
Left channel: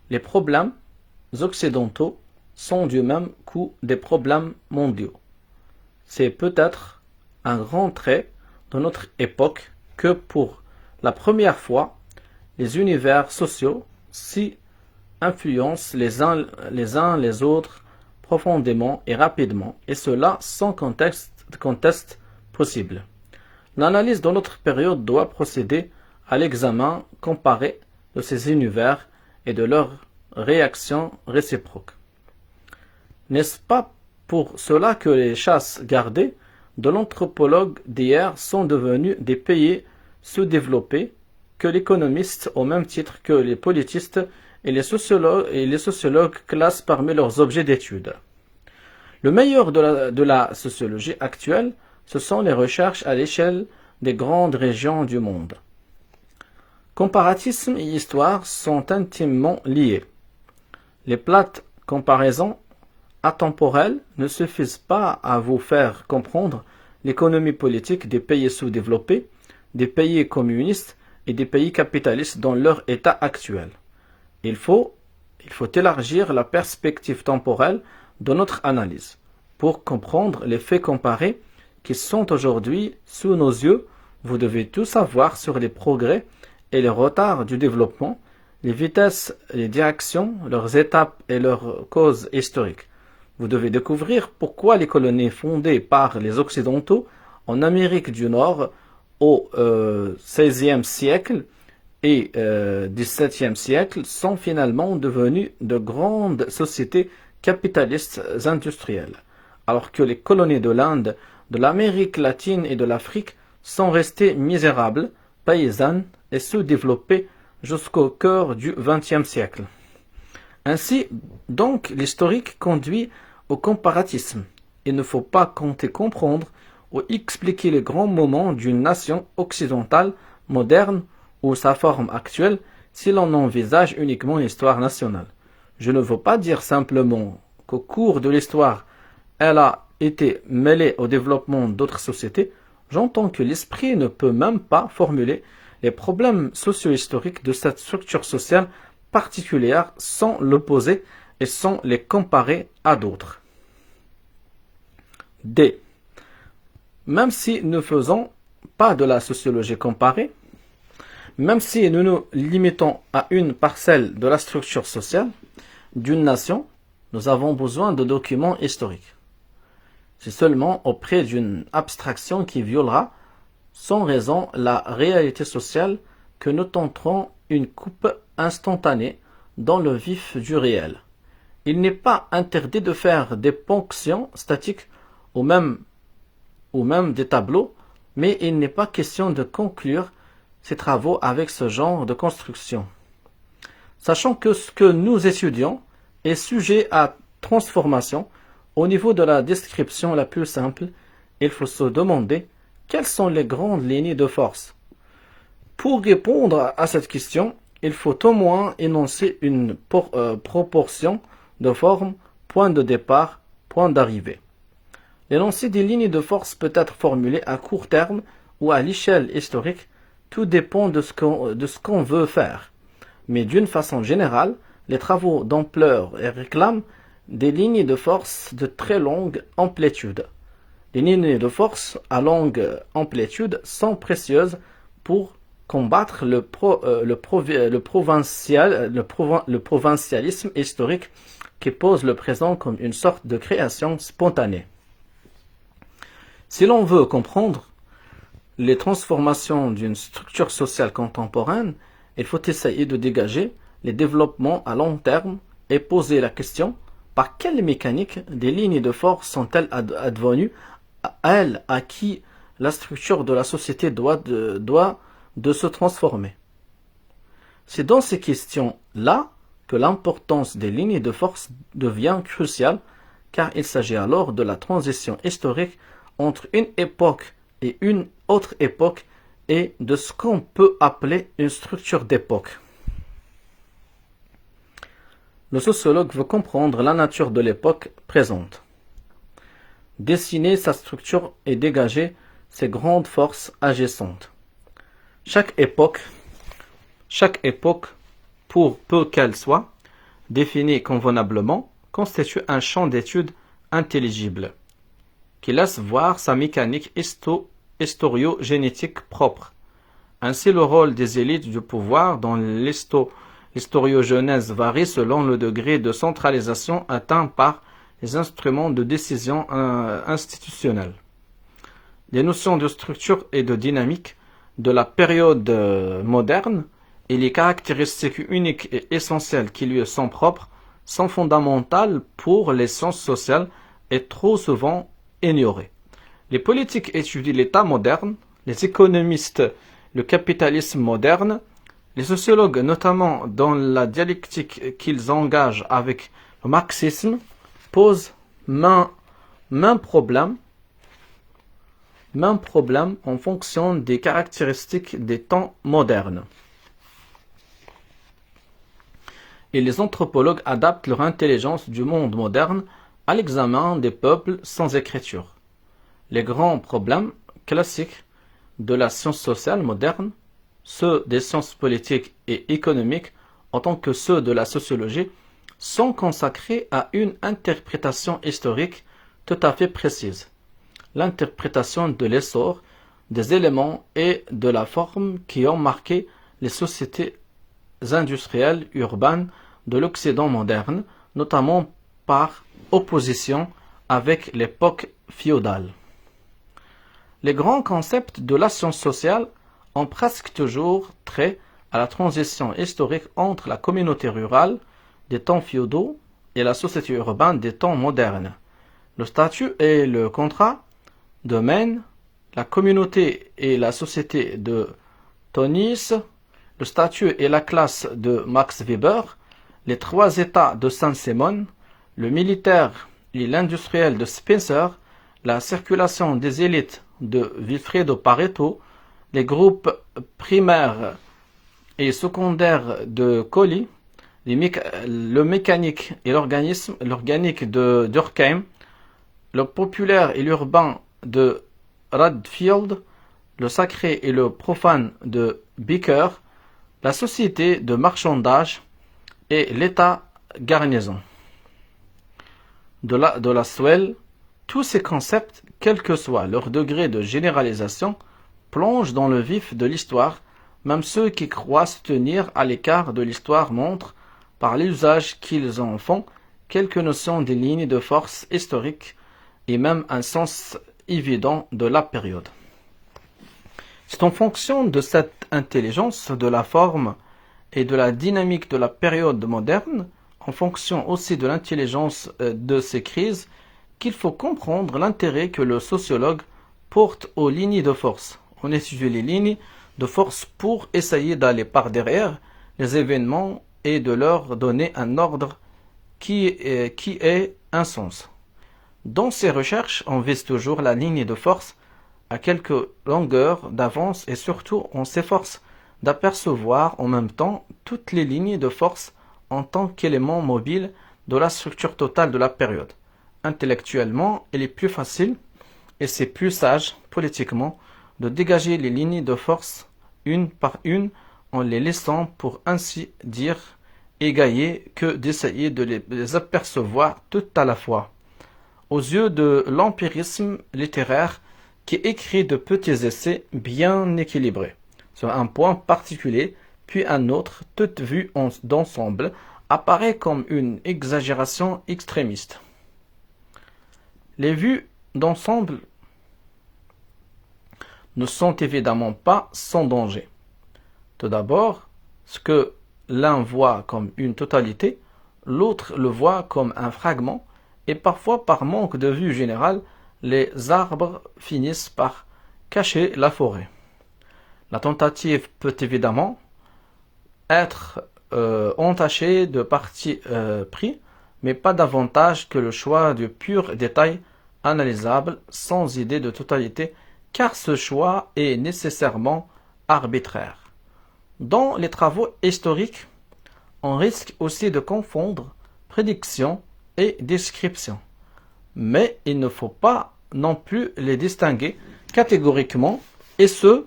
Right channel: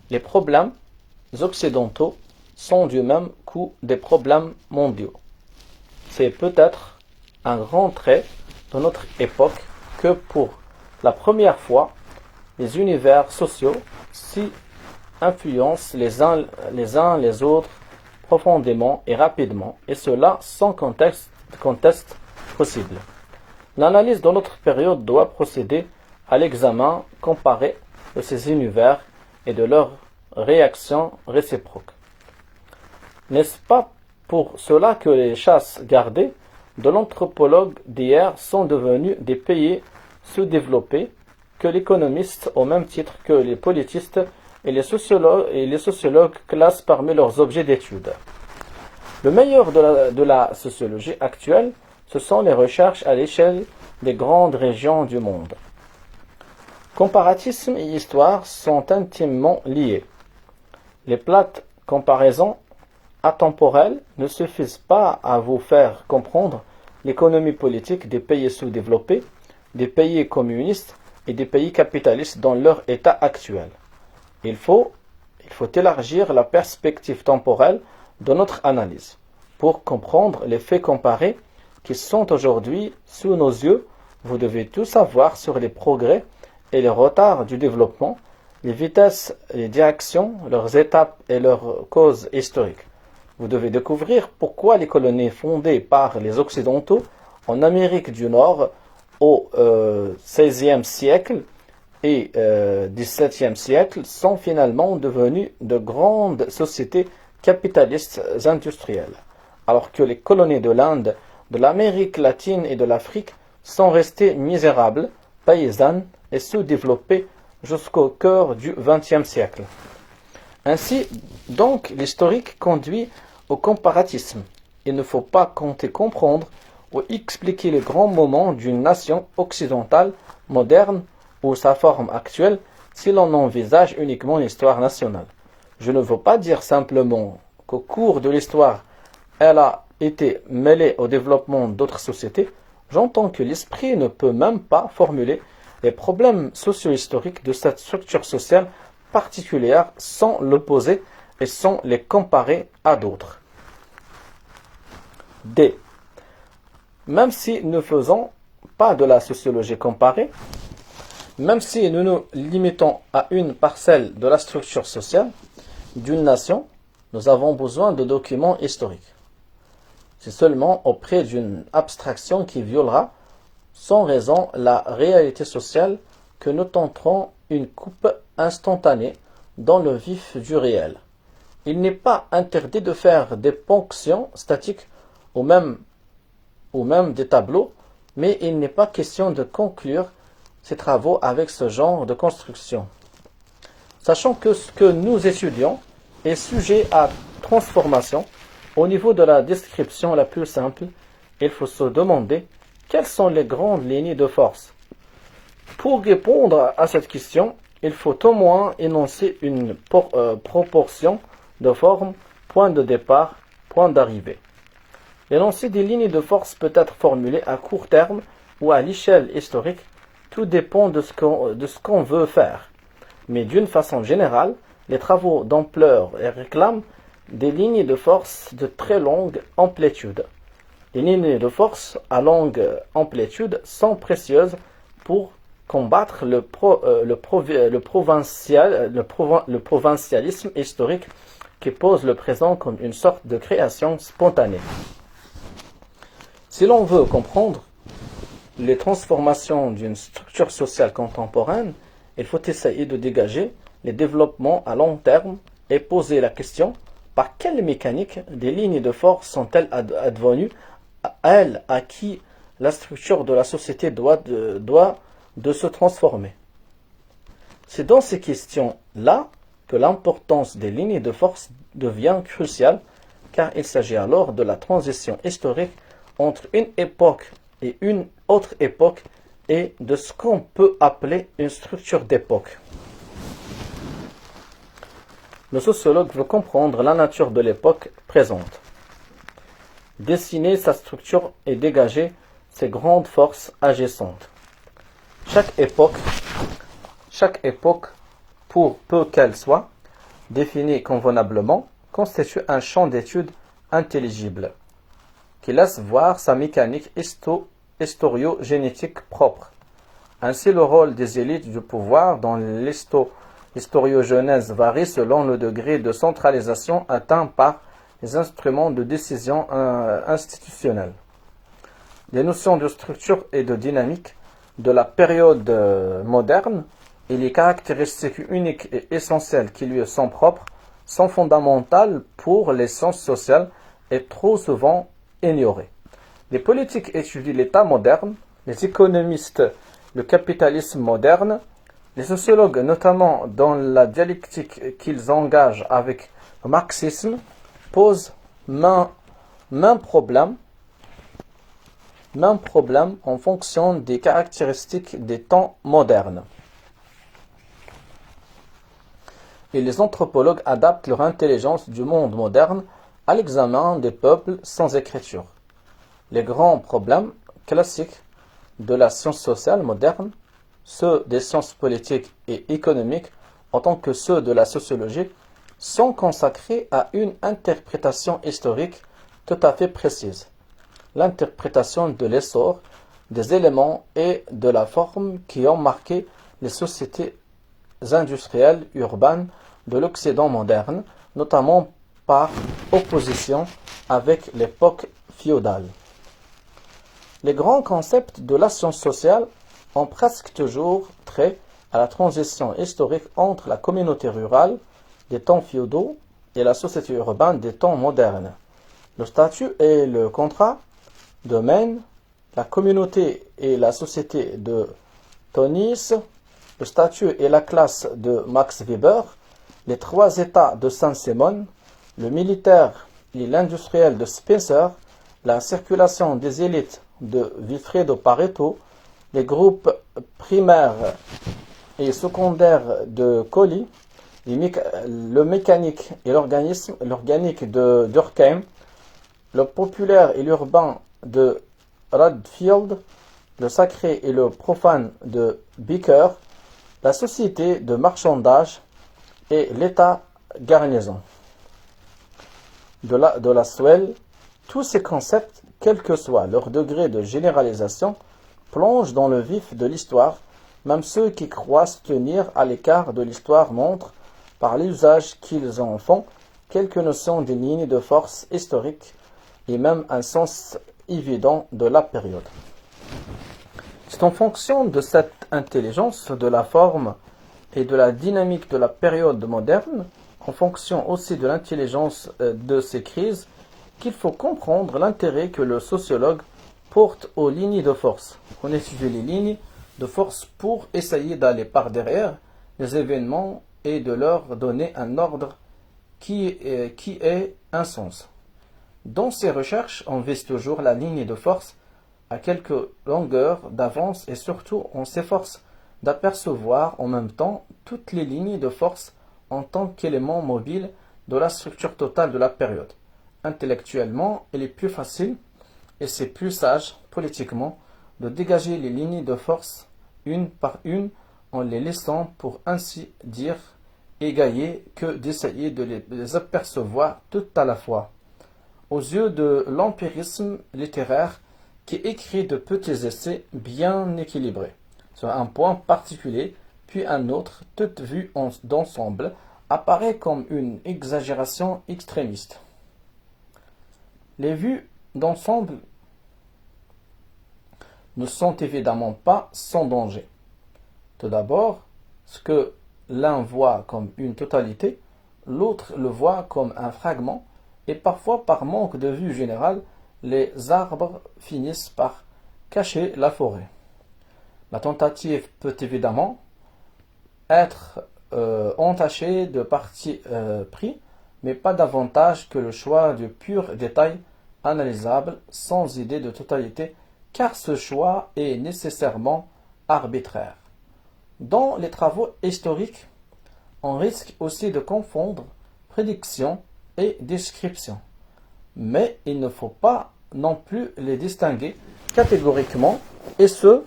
les problèmes occidentaux sont du même coup des problèmes mondiaux. C'est peut-être un grand trait de notre époque que pour la première fois, les univers sociaux s'y influencent les uns les autres profondément et rapidement, et cela sans conteste possible. L'analyse de notre période doit procéder à l'examen comparé de ces univers et de leurs réactions réciproques. N'est-ce pas pour cela que les chasses gardées de l'anthropologue d'hier sont devenues des pays sous-développés, que l'économiste, au même titre que les politistes et les sociologues classent parmi leurs objets d'étude? Le meilleur de la sociologie actuelle, ce sont les recherches à l'échelle des grandes régions du monde. Comparatisme et histoire sont intimement liés. Les plates comparaisons atemporelles ne suffisent pas à vous faire comprendre l'économie politique des pays sous-développés, des pays communistes et des pays capitalistes dans leur état actuel. Il faut élargir la perspective temporelle de notre analyse. Pour comprendre les faits comparés qui sont aujourd'hui sous nos yeux, vous devez tout savoir sur les progrès et les retards du développement, les vitesses, les directions, leurs étapes et leurs causes historiques. Vous devez découvrir pourquoi les colonies fondées par les Occidentaux en Amérique du Nord au XVIe siècle et XVIIe siècle sont finalement devenues de grandes sociétés capitalistes industrielles, alors que les colonies de l'Inde, de l'Amérique latine et de l'Afrique sont restées misérables, paysannes et sous-développées jusqu'au cœur du XXe siècle. Ainsi, donc, l'historique conduit au comparatisme. Il ne faut pas compter comprendre ou expliquer les grands moments d'une nation occidentale moderne ou sa forme actuelle si l'on envisage uniquement l'histoire nationale. Je ne veux pas dire simplement qu'au cours de l'histoire, elle a été mêlée au développement d'autres sociétés. J'entends que l'esprit ne peut même pas formuler les problèmes socio-historiques de cette structure sociale particulière sans l'opposer et sans les comparer à d'autres. D. Même si nous ne faisons pas de la sociologie comparée, même si nous nous limitons à une parcelle de la structure sociale d'une nation, nous avons besoin de documents historiques. C'est seulement auprès d'une abstraction qui violera sans raison la réalité sociale que nous tenterons une coupe instantanée dans le vif du réel. Il n'est pas interdit de faire des ponctions statiques ou même des tableaux, mais il n'est pas question de conclure ces travaux avec ce genre de construction. Sachant que ce que nous étudions est sujet à transformation, au niveau de la description la plus simple, il faut se demander quelles sont les grandes lignes de force. Pour répondre à cette question, il faut au moins énoncer une proportion de forme, point de départ, point d'arrivée. L'énoncé des lignes de force peut être formulé à court terme ou à l'échelle historique, tout dépend de ce qu'on veut faire. Mais d'une façon générale, les travaux d'ampleur réclament des lignes de force de très longue amplitude. Les lignes de force à longue amplitude sont précieuses pour combattre le provincialisme historique qui pose le présent comme une sorte de création spontanée. Si l'on veut comprendre les transformations d'une structure sociale contemporaine, il faut essayer de dégager les développements à long terme et poser la question: par quelle mécanique des lignes de force sont-elles advenues, elles à qui la structure de la société doit de se transformer? C'est dans ces questions-là que l'importance des lignes de force devient cruciale, car il s'agit alors de la transition historique entre une époque et une autre époque et de ce qu'on peut appeler une structure d'époque. Le sociologue veut comprendre la nature de l'époque présente, dessiner sa structure et dégager ses grandes forces agissantes. Chaque époque, pour peu qu'elle soit, définie convenablement, constitue un champ d'étude intelligible, qui laisse voir sa mécanique historiogénétique propre. Ainsi, le rôle des élites du pouvoir dans l'historiogenèse varie selon le degré de centralisation atteint par les instruments de décision institutionnelle. Les notions de structure et de dynamique de la période moderne et les caractéristiques uniques et essentielles qui lui sont propres sont fondamentales pour les sciences sociales et trop souvent ignorées. Les politiques étudient l'État moderne, les économistes le capitalisme moderne, les sociologues, notamment dans la dialectique qu'ils engagent avec le marxisme, posent même problème en fonction des caractéristiques des temps modernes. Et les anthropologues adaptent leur intelligence du monde moderne à l'examen des peuples sans écriture. Les grands problèmes classiques de la science sociale moderne, ceux des sciences politiques et économiques, autant que ceux de la sociologie, sont consacrés à une interprétation historique tout à fait précise. L'interprétation de l'essor des éléments et de la forme qui ont marqué les sociétés industrielles urbaines de l'Occident moderne, notamment par opposition avec l'époque féodale. Les grands concepts de la science sociale ont presque toujours trait à la transition historique entre la communauté rurale des temps féodaux et la société urbaine des temps modernes. Le statut et le contrat de Maine, la communauté et la société de Tönnies, le statut et la classe de Max Weber, les trois États de Saint-Simon, le militaire et l'industriel de Spencer, la circulation des élites de Vilfredo Pareto, les groupes primaires et secondaires de Colli, le mécanique et l'organique de Durkheim, le populaire et l'urbain de Radfield, le sacré et le profane de Beaker, la société de marchandage et l'état garnison. De la Swell, tous ces concepts, quel que soit leur degré de généralisation, plongent dans le vif de l'histoire. Même ceux qui croient se tenir à l'écart de l'histoire montrent, par l'usage qu'ils en font, quelques notions des lignes de force historiques et même un sens évident de la période. C'est en fonction de cette intelligence de la forme et de la dynamique de la période moderne, en fonction aussi de l'intelligence de ces crises, qu'il faut comprendre l'intérêt que le sociologue porte aux lignes de force. On étudie les lignes de force pour essayer d'aller par derrière les événements et de leur donner un ordre qui ait un sens. Dans ces recherches, on vise toujours la ligne de force à quelques longueurs d'avance et surtout on s'efforce d'apercevoir en même temps toutes les lignes de force en tant qu'éléments mobiles de la structure totale de la période. Intellectuellement, il est plus facile et c'est plus sage politiquement de dégager les lignes de force une par une en les laissant pour ainsi dire égaillées que d'essayer de les apercevoir toutes à la fois. Aux yeux de l'empirisme littéraire qui écrit de petits essais bien équilibrés sur un point particulier, puis un autre, toute vue d'ensemble, apparaît comme une exagération extrémiste. Les vues d'ensemble ne sont évidemment pas sans danger. Tout d'abord, ce que l'un voit comme une totalité, l'autre le voit comme un fragment, et parfois par manque de vue générale, les arbres finissent par cacher la forêt. La tentative peut évidemment être entachée de parti pris, mais pas davantage que le choix du pur détail analysable sans idée de totalité, car ce choix est nécessairement arbitraire. Dans les travaux historiques, on risque aussi de confondre prédiction et description. Mais il ne faut pas non plus les distinguer catégoriquement, et ce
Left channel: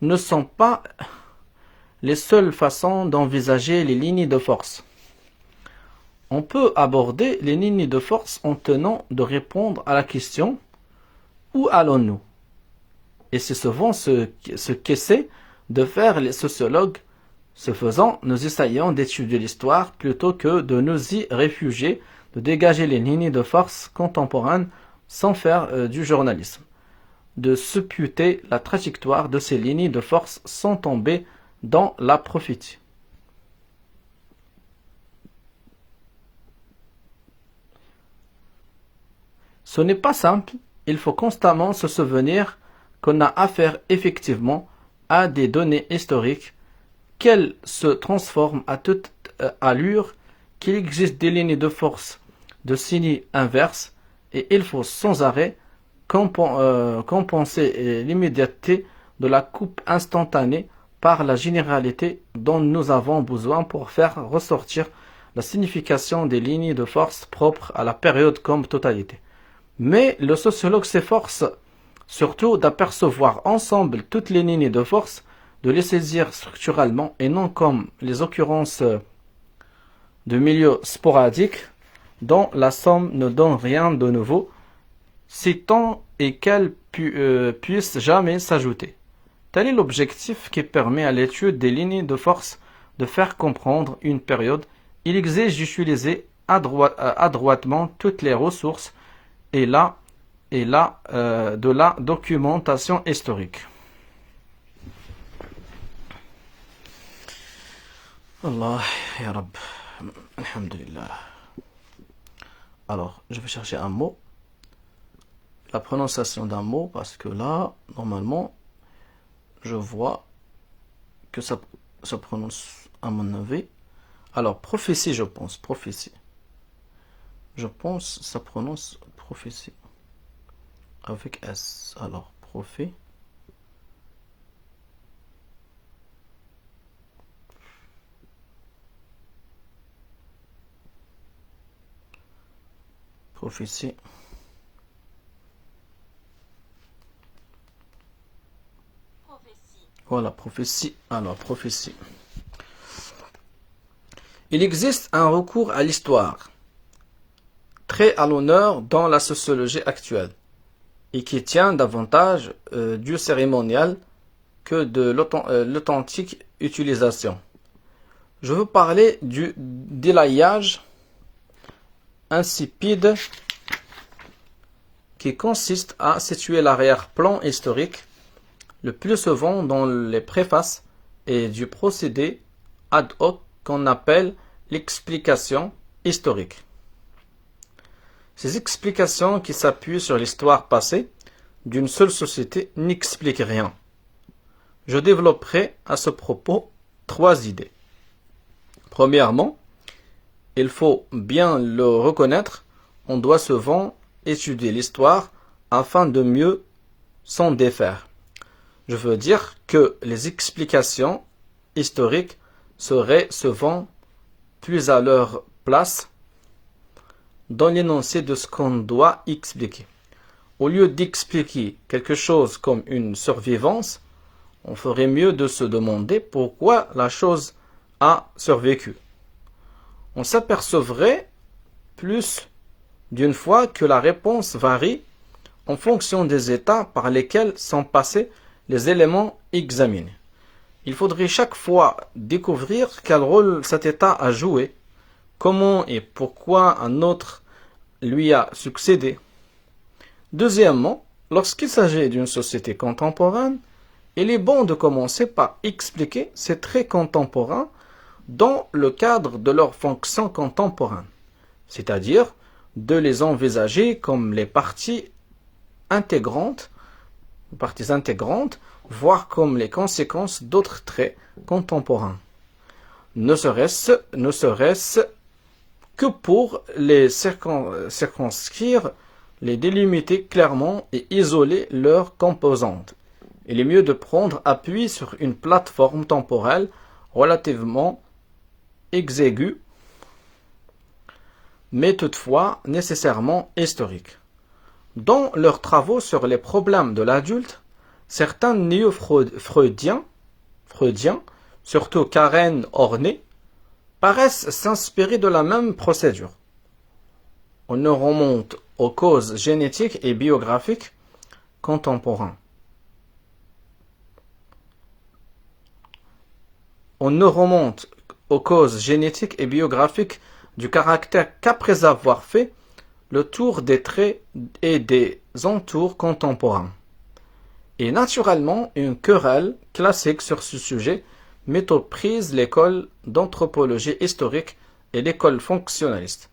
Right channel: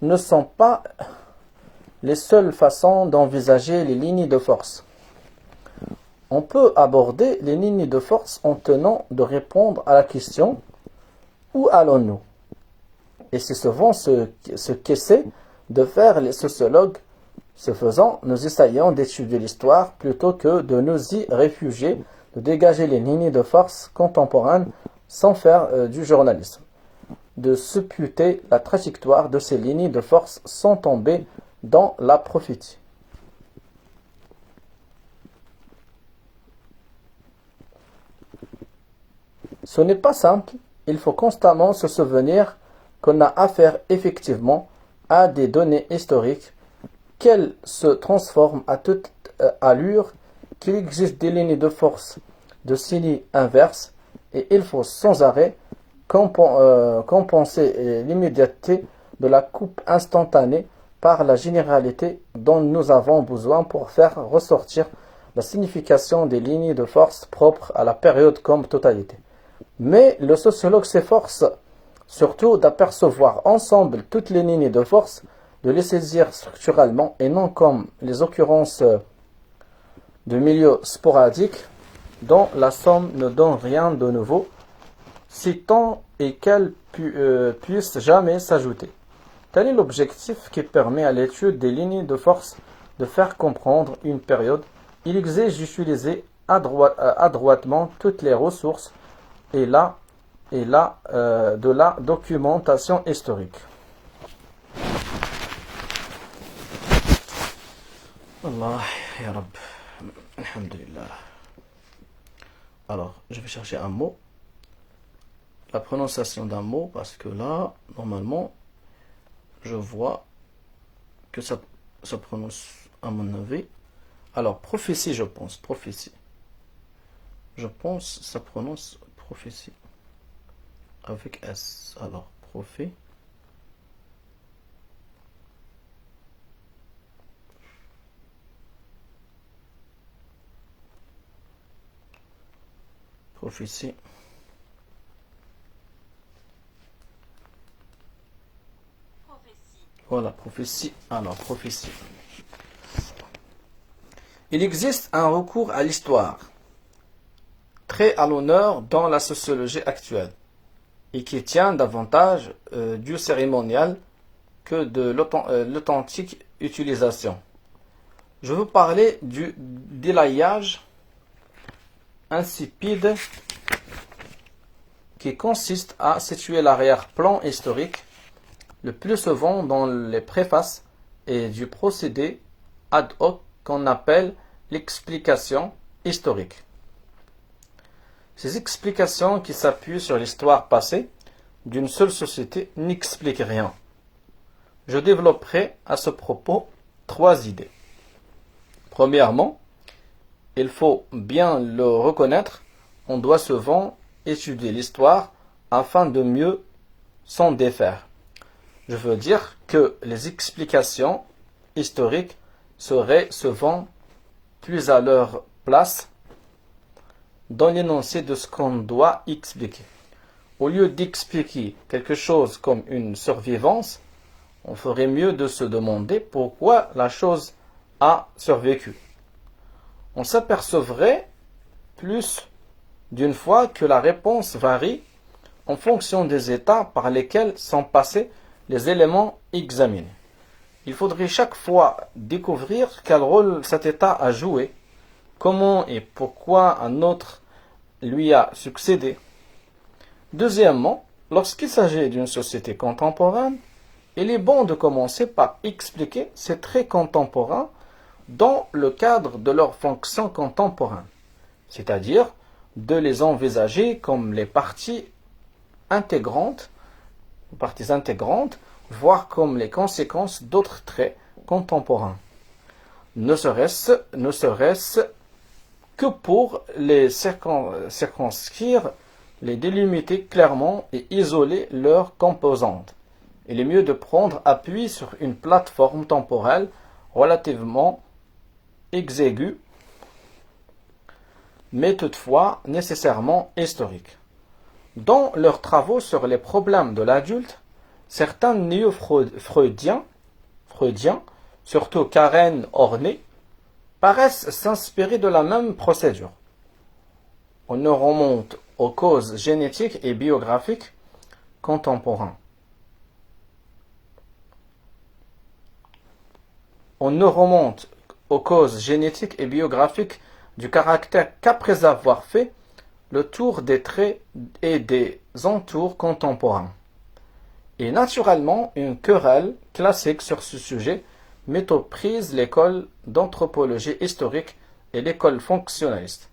ne sont pas les seules façons d'envisager les lignes de force. On peut aborder les lignes de force en tenant de répondre à la question « Où allons-nous » Et c'est souvent ce qu'essaient de faire les sociologues. Ce faisant, nous essayons d'étudier l'histoire plutôt que de nous y réfugier, de dégager les lignes de force contemporaines sans faire du journalisme, de supputer la trajectoire de ces lignes de force sans tomber dans la prophétie. Ce n'est pas simple, il faut constamment se souvenir qu'on a affaire effectivement à des données historiques, qu'elles se transforment à toute allure, qu'il existe des lignes de force de signes inverses, et il faut sans arrêt compenser l'immédiateté de la coupe instantanée par la généralité dont nous avons besoin pour faire ressortir la signification des lignes de force propres à la période comme totalité. Mais le sociologue s'efforce surtout d'apercevoir ensemble toutes les lignes de force, de les saisir structurellement et non comme les occurrences de milieux sporadiques dont la somme ne donne rien de nouveau, si tant et qu'elles puissent jamais s'ajouter. Tel est l'objectif qui permet à l'étude des lignes de force de faire comprendre une période. Il exige d'utiliser adroitement toutes les ressources et de la documentation historique. Allah ya Rab. Alhamdulillah. Alors, je vais chercher un mot. La prononciation d'un mot, parce que là, normalement, je vois que ça se prononce à mon avis. Alors, prophétie, je pense. Prophétie. Je pense que ça prononce prophétie. Avec S. Alors, prophétie. Prophétie. Voilà, prophétie. Alors, prophétie. Il existe un recours à l'histoire, très à l'honneur dans la sociologie actuelle, et qui tient davantage du cérémonial que de l'authentique utilisation. Je veux parler du délayage insipide qui consiste à situer l'arrière-plan historique le plus souvent dans les préfaces et du procédé ad hoc qu'on appelle l'explication historique. Ces explications qui s'appuient sur l'histoire passée d'une seule société n'expliquent rien. Je développerai à ce propos 3 idées. Premièrement, il faut bien le reconnaître, on doit souvent étudier l'histoire afin de mieux s'en défaire. Je veux dire que les explications historiques seraient souvent plus à leur place dans l'énoncé de ce qu'on doit expliquer. Au lieu d'expliquer quelque chose comme une survivance, on ferait mieux de se demander pourquoi la chose a survécu. On s'apercevrait plus d'une fois que la réponse varie en fonction des états par lesquels sont passés les éléments examinés. Il faudrait chaque fois découvrir quel rôle cet état a joué, comment et pourquoi un autre lui a succédé. Deuxièmement, lorsqu'il s'agit d'une société contemporaine, il est bon de commencer par expliquer ces traits contemporains dans le cadre de leur fonction contemporaine, c'est-à-dire de les envisager comme les parties intégrantes, voire comme les conséquences d'autres traits contemporains. Ne serait-ce que pour les circonscrire, les délimiter clairement et isoler leurs composantes. Il est mieux de prendre appui sur une plateforme temporelle relativement exiguë, mais toutefois nécessairement historique. Dans leurs travaux sur les problèmes de l'adulte, certains néo-freudiens, surtout Karen Horney, paraissent s'inspirer de la même procédure. On ne remonte aux causes génétiques et biographiques contemporaines. On ne remonte aux causes génétiques et biographiques du caractère qu'après avoir fait le tour des traits et des entours contemporains. Et naturellement, une querelle classique sur ce sujet met aux prises l'école d'anthropologie historique et l'école fonctionnaliste.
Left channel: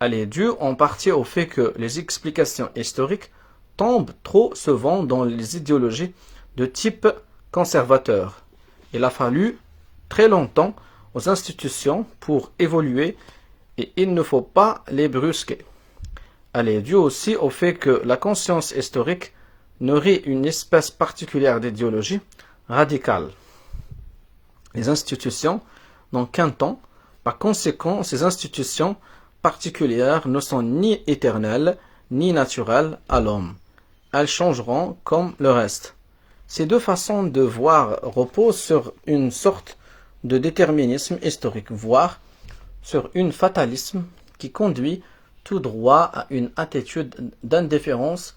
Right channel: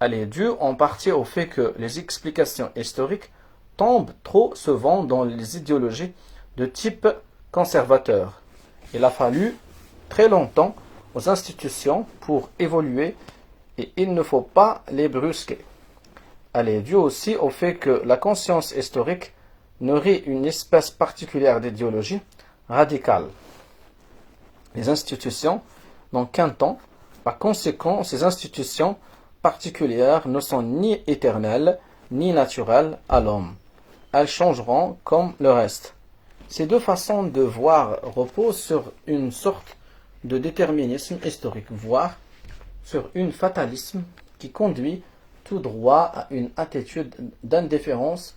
Elle est due en partie au fait que les explications historiques tombent trop souvent dans les idéologies de type conservateur. Il a fallu très longtemps aux institutions pour évoluer et il ne faut pas les brusquer. Elle est due aussi au fait que la conscience historique nourrit une espèce particulière d'idéologie radicale. Les institutions n'ont qu'un temps. Par conséquent, ces institutions particulières ne sont ni éternelles ni naturelles à l'homme. Elles changeront comme le reste. Ces deux façons de voir reposent sur une sorte de déterminisme historique, voire sur un fatalisme qui conduit tout droit à une attitude d'indifférence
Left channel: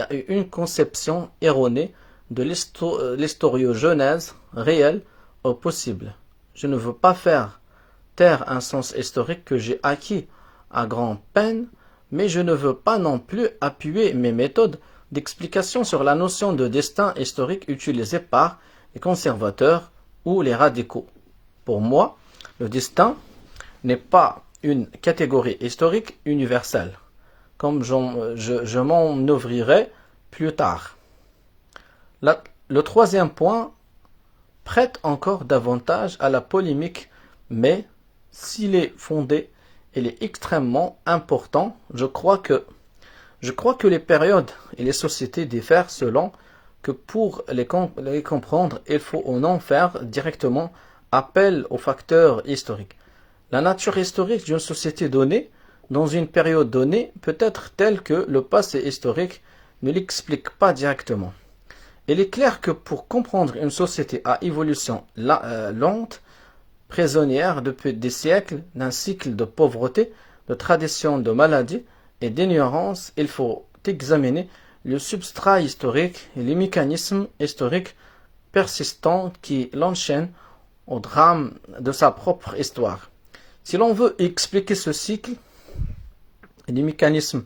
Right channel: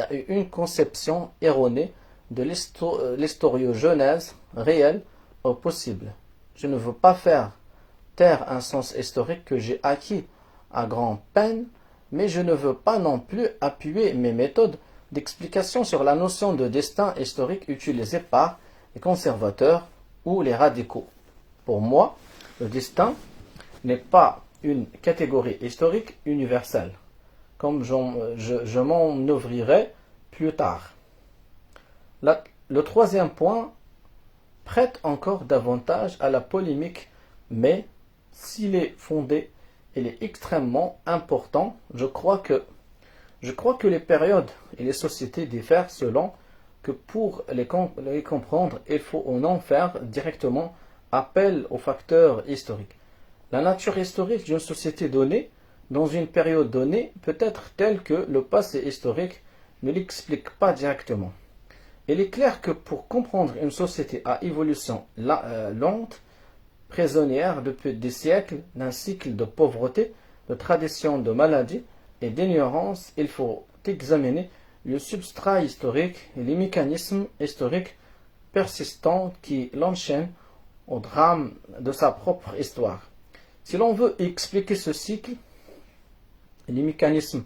a eu une conception erronée de l'historiogenèse réelle au possible. Je ne veux pas faire taire un sens historique que j'ai acquis à grand-peine, mais je ne veux pas non plus appuyer mes méthodes d'explication sur la notion de destin historique utilisée par les conservateurs ou les radicaux. Pour moi, le destin n'est pas une catégorie historique universelle, comme je m'en ouvrirai plus tard. Le troisième point prête encore davantage à la polémique, mais s'il est fondé, il est extrêmement important. Je crois que les périodes et les sociétés diffèrent selon que pour les comprendre, il faut ou non faire directement appel aux facteurs historiques. La nature historique d'une société donnée, dans une période donnée, peut être telle que le passé historique ne l'explique pas directement. Il est clair que pour comprendre une société à évolution lente, prisonnière depuis des siècles d'un cycle de pauvreté, de tradition de maladie et d'ignorance, il faut examiner le substrat historique et les mécanismes historiques persistants qui l'enchaînent au drame de sa propre histoire. Si l'on veut expliquer ce cycle et les mécanismes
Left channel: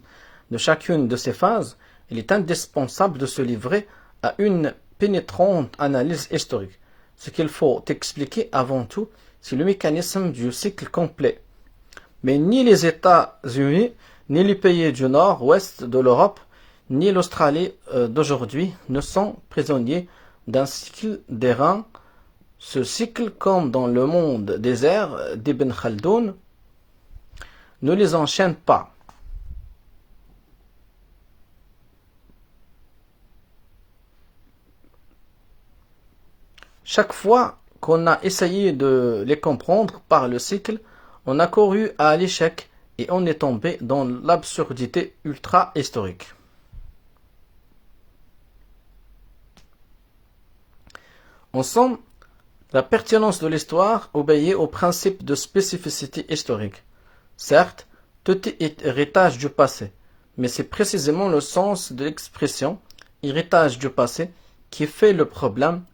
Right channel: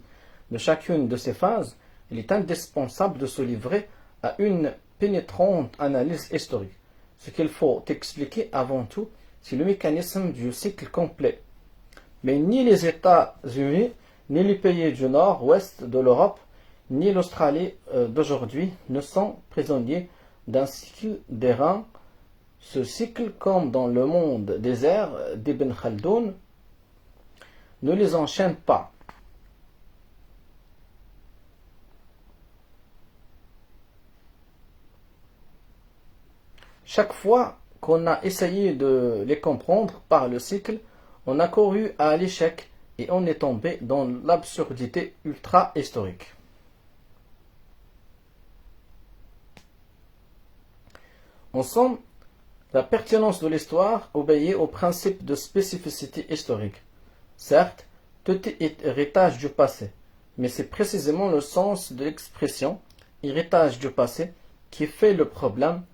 de chacune de ces phases, il est indispensable de se livrer à une pénétrante analyse historique. Ce qu'il faut expliquer avant tout, c'est le mécanisme du cycle complet. Mais ni les États-Unis, ni les pays du nord-ouest de l'Europe, ni l'Australie d'aujourd'hui ne sont prisonniers d'un cycle d'airain. Ce cycle, comme dans le monde désert d'Ibn Khaldoun, ne les enchaîne pas. Chaque fois qu'on a essayé de les comprendre par le cycle, on a couru à l'échec et on est tombé dans l'absurdité ultra-historique. En somme, la pertinence de l'histoire obéit au principe de spécificité historique. Certes, tout est héritage du passé, mais c'est précisément le sens de l'expression héritage du passé qui fait le problème.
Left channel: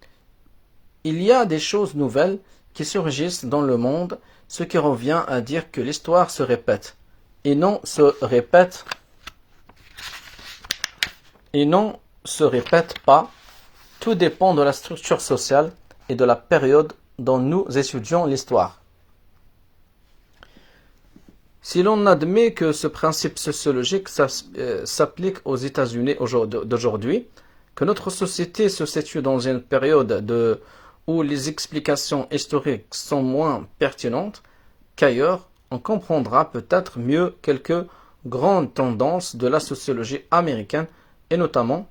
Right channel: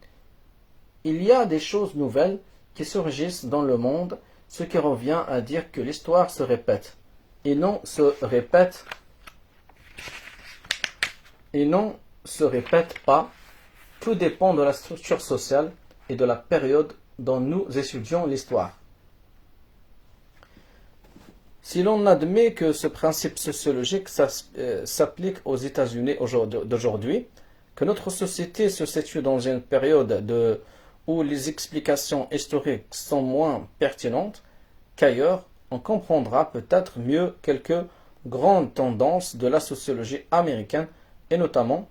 Il y a des choses nouvelles qui surgissent dans le monde, ce qui revient à dire que l'histoire se répète, et non se répète pas. Tout dépend de la structure sociale et de la période dont nous étudions l'histoire. Si l'on admet que ce principe sociologique s'applique aux États-Unis d'aujourd'hui, que notre société se situe dans une période où les explications historiques sont moins pertinentes qu'ailleurs, on comprendra peut-être mieux quelques grandes tendances de la sociologie américaine et notamment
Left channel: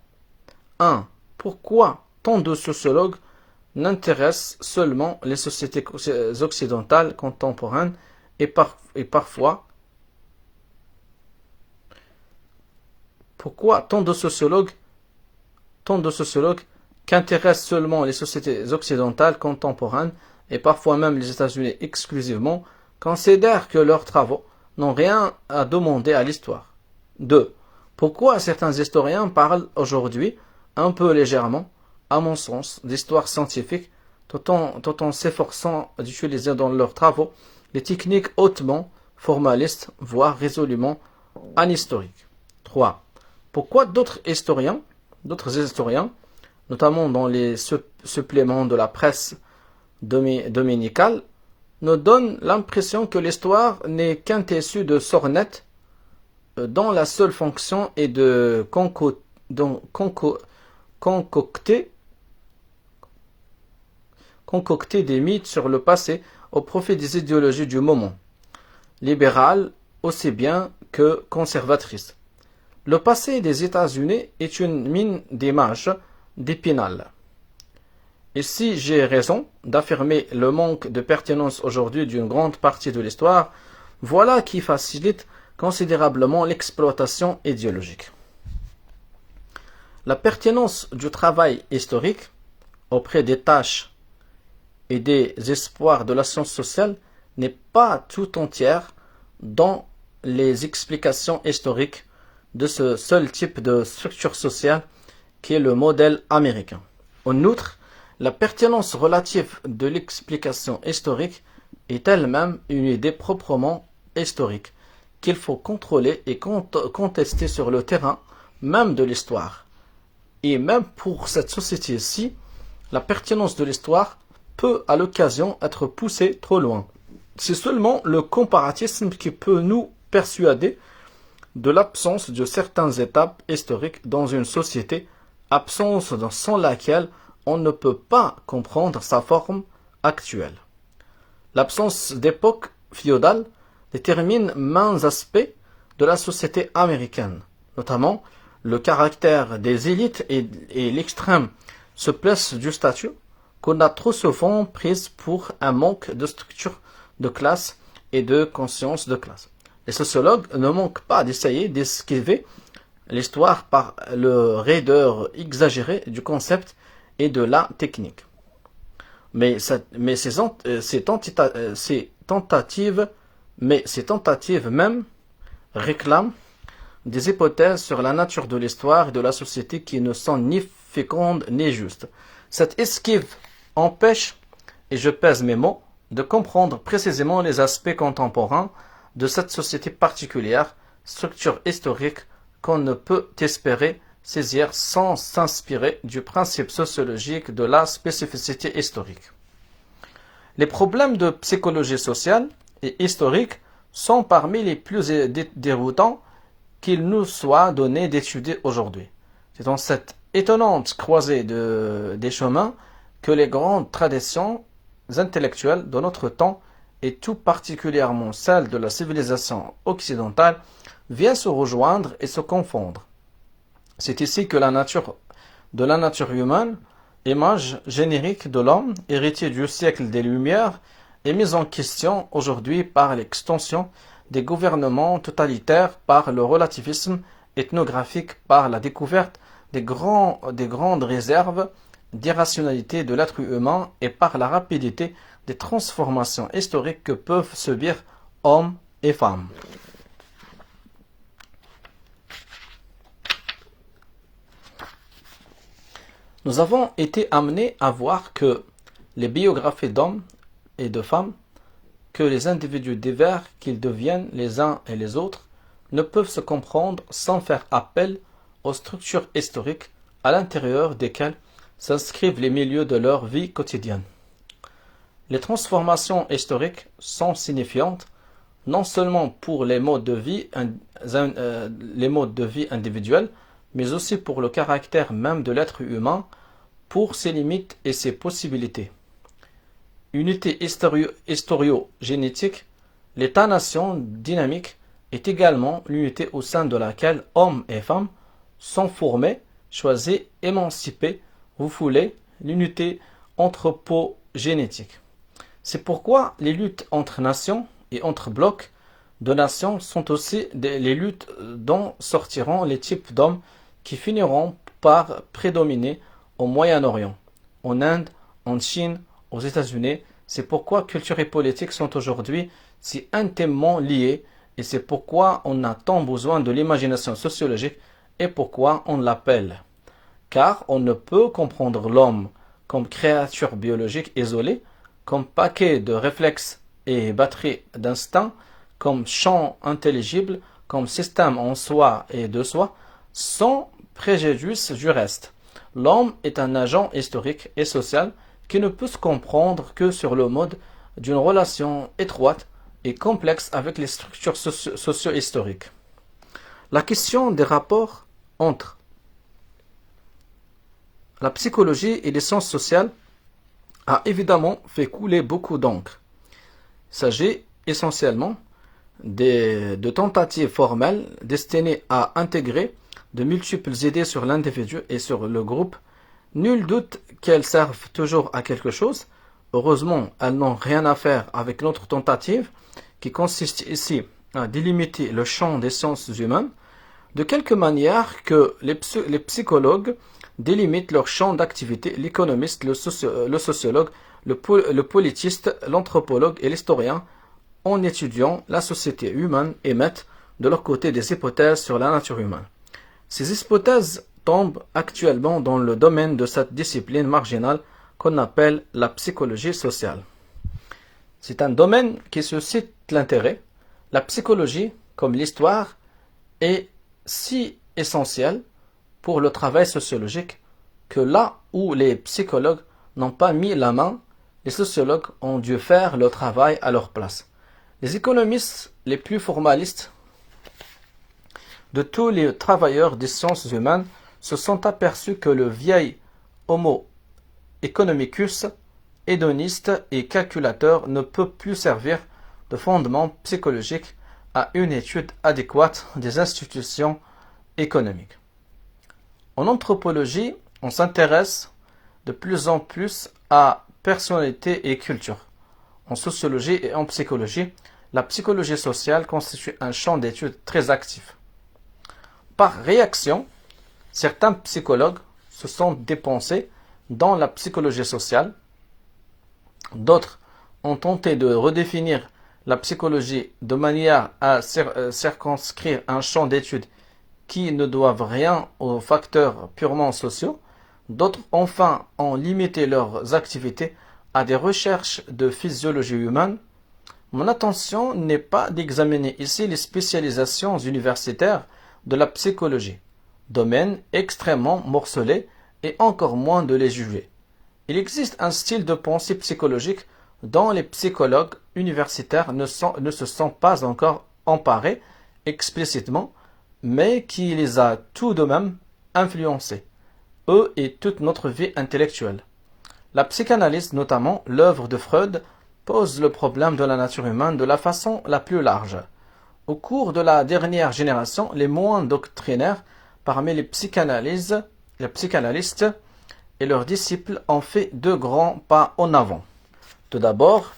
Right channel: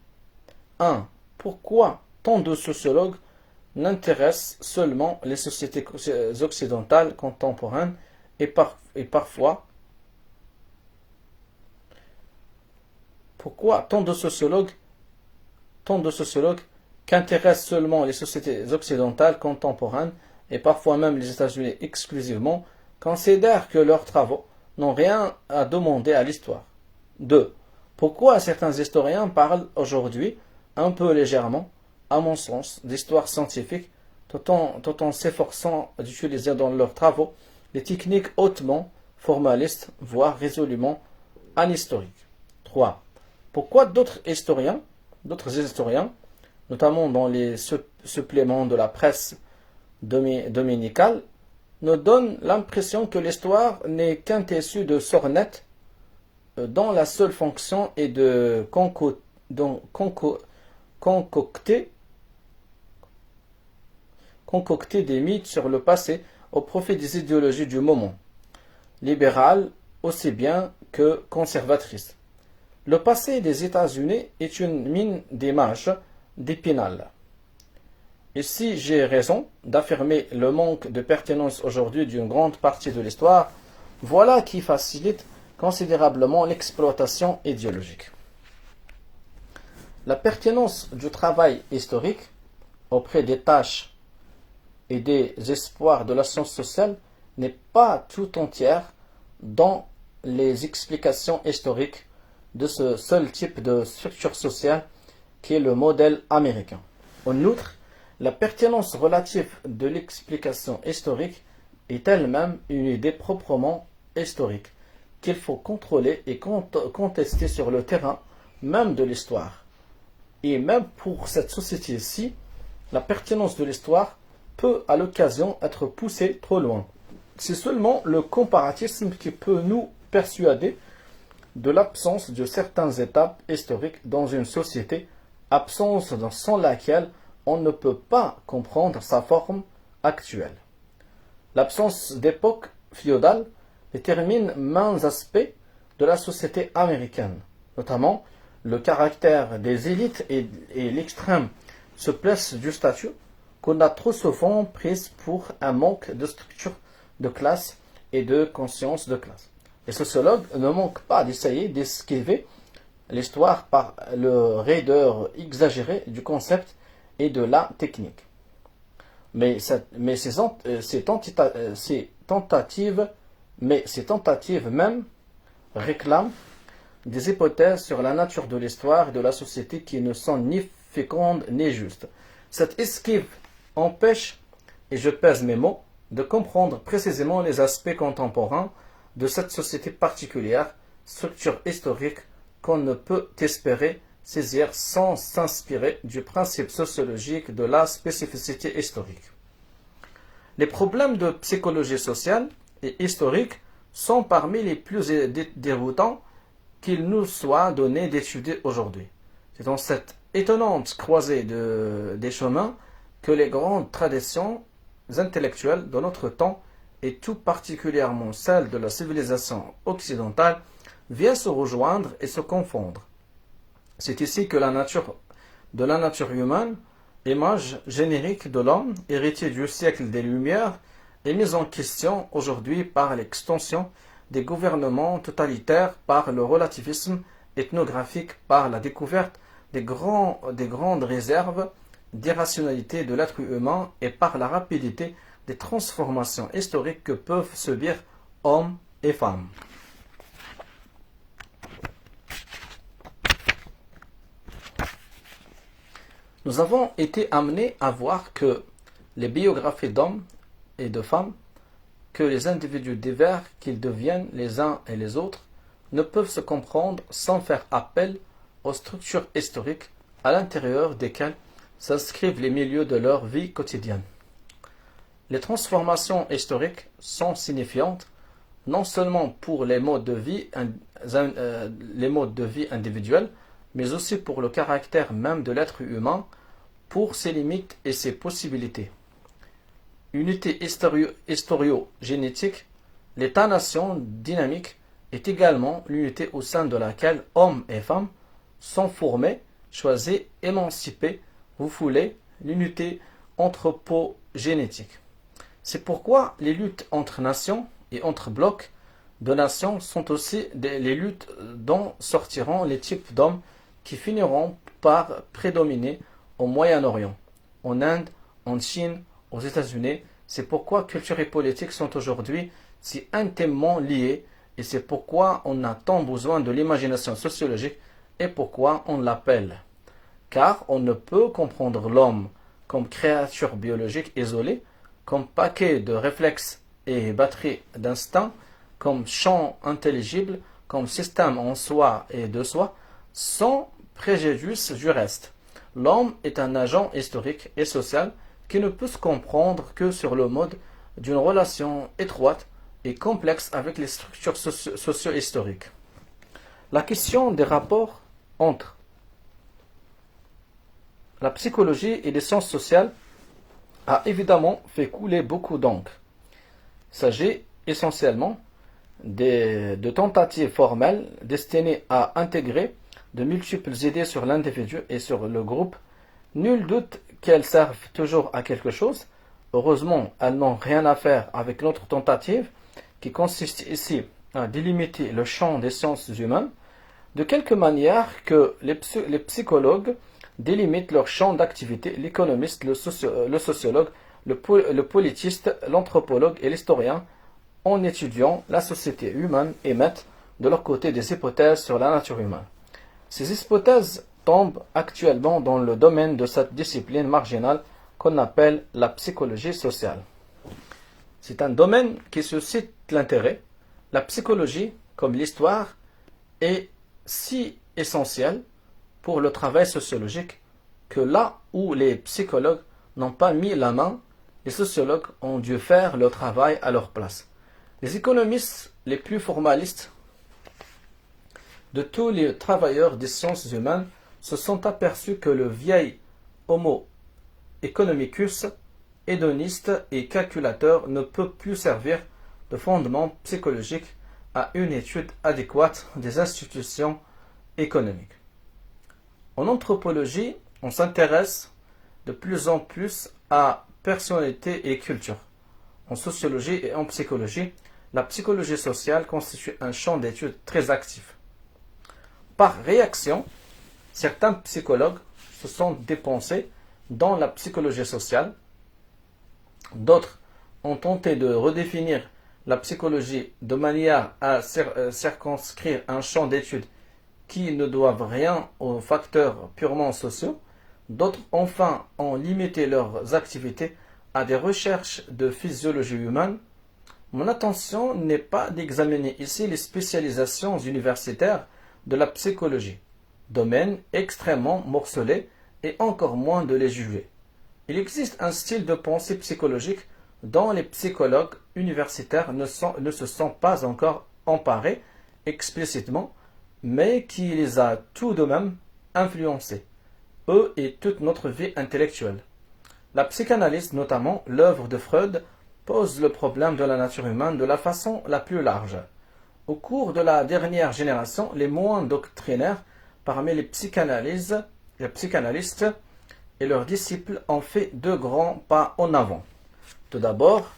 1. Pourquoi tant de sociologues n'intéressent seulement les sociétés occidentales contemporaines et parfois pourquoi tant de sociologues qu'intéressent seulement les sociétés occidentales contemporaines et parfois même les États-Unis exclusivement considèrent que leurs travaux n'ont rien à demander à l'histoire. 2. Pourquoi certains historiens parlent aujourd'hui un peu légèrement, à mon sens, d'histoire scientifique, tout en s'efforçant d'utiliser dans leurs travaux des techniques hautement formalistes, voire résolument anhistoriques. 3. Pourquoi d'autres historiens, notamment dans les suppléments de la presse dominicale, nous donnent l'impression que l'histoire n'est qu'un tissu de sornettes dont la seule fonction est de concocter des mythes sur le passé au profit des idéologies du moment, libérales aussi bien que conservatrices. Le passé des États-Unis est une mine d'images d'Épinal. Et si j'ai raison d'affirmer le manque de pertinence aujourd'hui d'une grande partie de l'histoire, voilà qui facilite considérablement l'exploitation idéologique. La pertinence du travail historique auprès des tâches et des espoirs de la science sociale n'est pas tout entière dans les explications historiques de ce seul type de structure sociale qui est le modèle américain. En outre, la pertinence relative de l'explication historique est elle-même une idée proprement historique qu'il faut contrôler et contester sur le terrain même de l'histoire. Et même pour cette société-ci, la pertinence de l'histoire peut à l'occasion être poussée trop loin. C'est seulement le comparatisme qui peut nous persuader de l'absence de certaines étapes historiques dans une société, absence sans laquelle on ne peut pas comprendre sa forme actuelle. L'absence d'époque féodale détermine maints aspects de la société américaine, notamment le caractère des élites et l'extrême souplesse du statut qu'on a trop souvent prise pour un manque de structure de classe et de conscience de classe. Les sociologues ne manquent pas d'essayer d'esquiver l'histoire par le raideur exagérée du concept et de la technique. Mais ces tentatives même réclament des hypothèses sur la nature de l'histoire et de la société qui ne sont ni fécondes ni justes. Cette esquive empêche, et je pèse mes mots, de comprendre précisément les aspects contemporains de cette société particulière, structure historique qu'on ne peut espérer saisir sans s'inspirer du principe sociologique de la spécificité historique. Les problèmes de psychologie sociale et historique sont parmi les plus déroutants qu'il nous soit donné d'étudier aujourd'hui. C'est dans cette étonnante croisée des chemins que les grandes traditions intellectuelles de notre temps, et tout particulièrement celles de la civilisation occidentale, viennent se rejoindre et se confondre. C'est ici que de la nature humaine, image générique de l'homme, héritier du siècle des Lumières, est mise en question aujourd'hui par l'extension des gouvernements totalitaires, par le relativisme ethnographique, par la découverte des grandes réserves d'irrationalité de l'être humain et par la rapidité des transformations historiques que peuvent subir hommes et femmes. Nous avons été amenés à voir que les biographies d'hommes et de femmes, que les individus divers qu'ils deviennent les uns et les autres, ne peuvent se comprendre sans faire appel aux structures historiques à l'intérieur desquelles s'inscrivent les milieux de leur vie quotidienne. Les transformations historiques sont signifiantes non seulement pour les modes de vie individuels, mais aussi pour le caractère même de l'être humain, pour ses limites et ses possibilités. Unité historiogénétique, l'État-nation dynamique est également l'unité au sein de laquelle hommes et femmes sont formés, choisis, émancipés, vous voulez, l'unité anthropogénétique. C'est pourquoi les luttes entre nations et entre blocs de nations sont aussi les luttes dont sortiront les types d'hommes qui finiront par prédominer au Moyen-Orient, en Inde, en Chine, aux États-Unis. C'est pourquoi culture et politique sont aujourd'hui si intimement liées, et c'est pourquoi on a tant besoin de l'imagination sociologique et pourquoi on l'appelle. Car on ne peut comprendre l'homme comme créature biologique isolée, comme paquet de réflexes et batterie d'instincts, comme champ intelligible, comme système en soi et de soi, sans préjudice du reste. L'homme est un agent historique et social qui ne peut se comprendre que sur le mode d'une relation étroite et complexe avec les structures socio-historiques. La question des rapports entre la psychologie et les sciences sociales a évidemment fait couler beaucoup d'encre. Il s'agit essentiellement de tentatives formelles destinées à intégrer de multiples idées sur l'individu et sur le groupe. Nul doute qu'elles servent toujours à quelque chose. Heureusement, elles n'ont rien à faire avec notre tentative qui consiste ici à délimiter le champ des sciences humaines de quelque manière que les psychologues délimitent leur champ d'activité, l'économiste, le sociologue, le politiste, l'anthropologue et l'historien, en étudiant la société humaine, émettent de leur côté des hypothèses sur la nature humaine. Ces hypothèses tombent actuellement dans le domaine de cette discipline marginale qu'on appelle la psychologie sociale. C'est un domaine qui suscite l'intérêt. La psychologie, comme l'histoire, est si essentielle pour le travail sociologique que là où les psychologues n'ont pas mis la main, les sociologues ont dû faire le travail à leur place. Les économistes les plus formalistes de tous les travailleurs des sciences humaines se sont aperçus que le vieil Homo economicus, hédoniste et calculateur, ne peut plus servir de fondement psychologique à une étude adéquate des institutions économiques. En anthropologie, on s'intéresse de plus en plus à personnalité et culture. En sociologie et en psychologie, la psychologie sociale constitue un champ d'étude très actif. Par réaction, certains psychologues se sont dépensés dans la psychologie sociale. D'autres ont tenté de redéfinir la psychologie de manière à circonscrire un champ d'études qui ne doivent rien aux facteurs purement sociaux. D'autres, enfin, ont limité leurs activités à des recherches de physiologie humaine. Mon intention n'est pas d'examiner ici les spécialisations universitaires de la psychologie, domaine extrêmement morcelé, et encore moins de les juger. Il existe un style de pensée psychologique dont les psychologues universitaires ne se sont pas encore emparés explicitement, mais qui les a tout de même influencés, eux et toute notre vie intellectuelle. La psychanalyse, notamment l'œuvre de Freud, pose le problème de la nature humaine de la façon la plus large. Au cours de la dernière génération, les moins doctrinaires parmi les psychanalystes et leurs disciples ont fait deux grands pas en avant. Tout d'abord,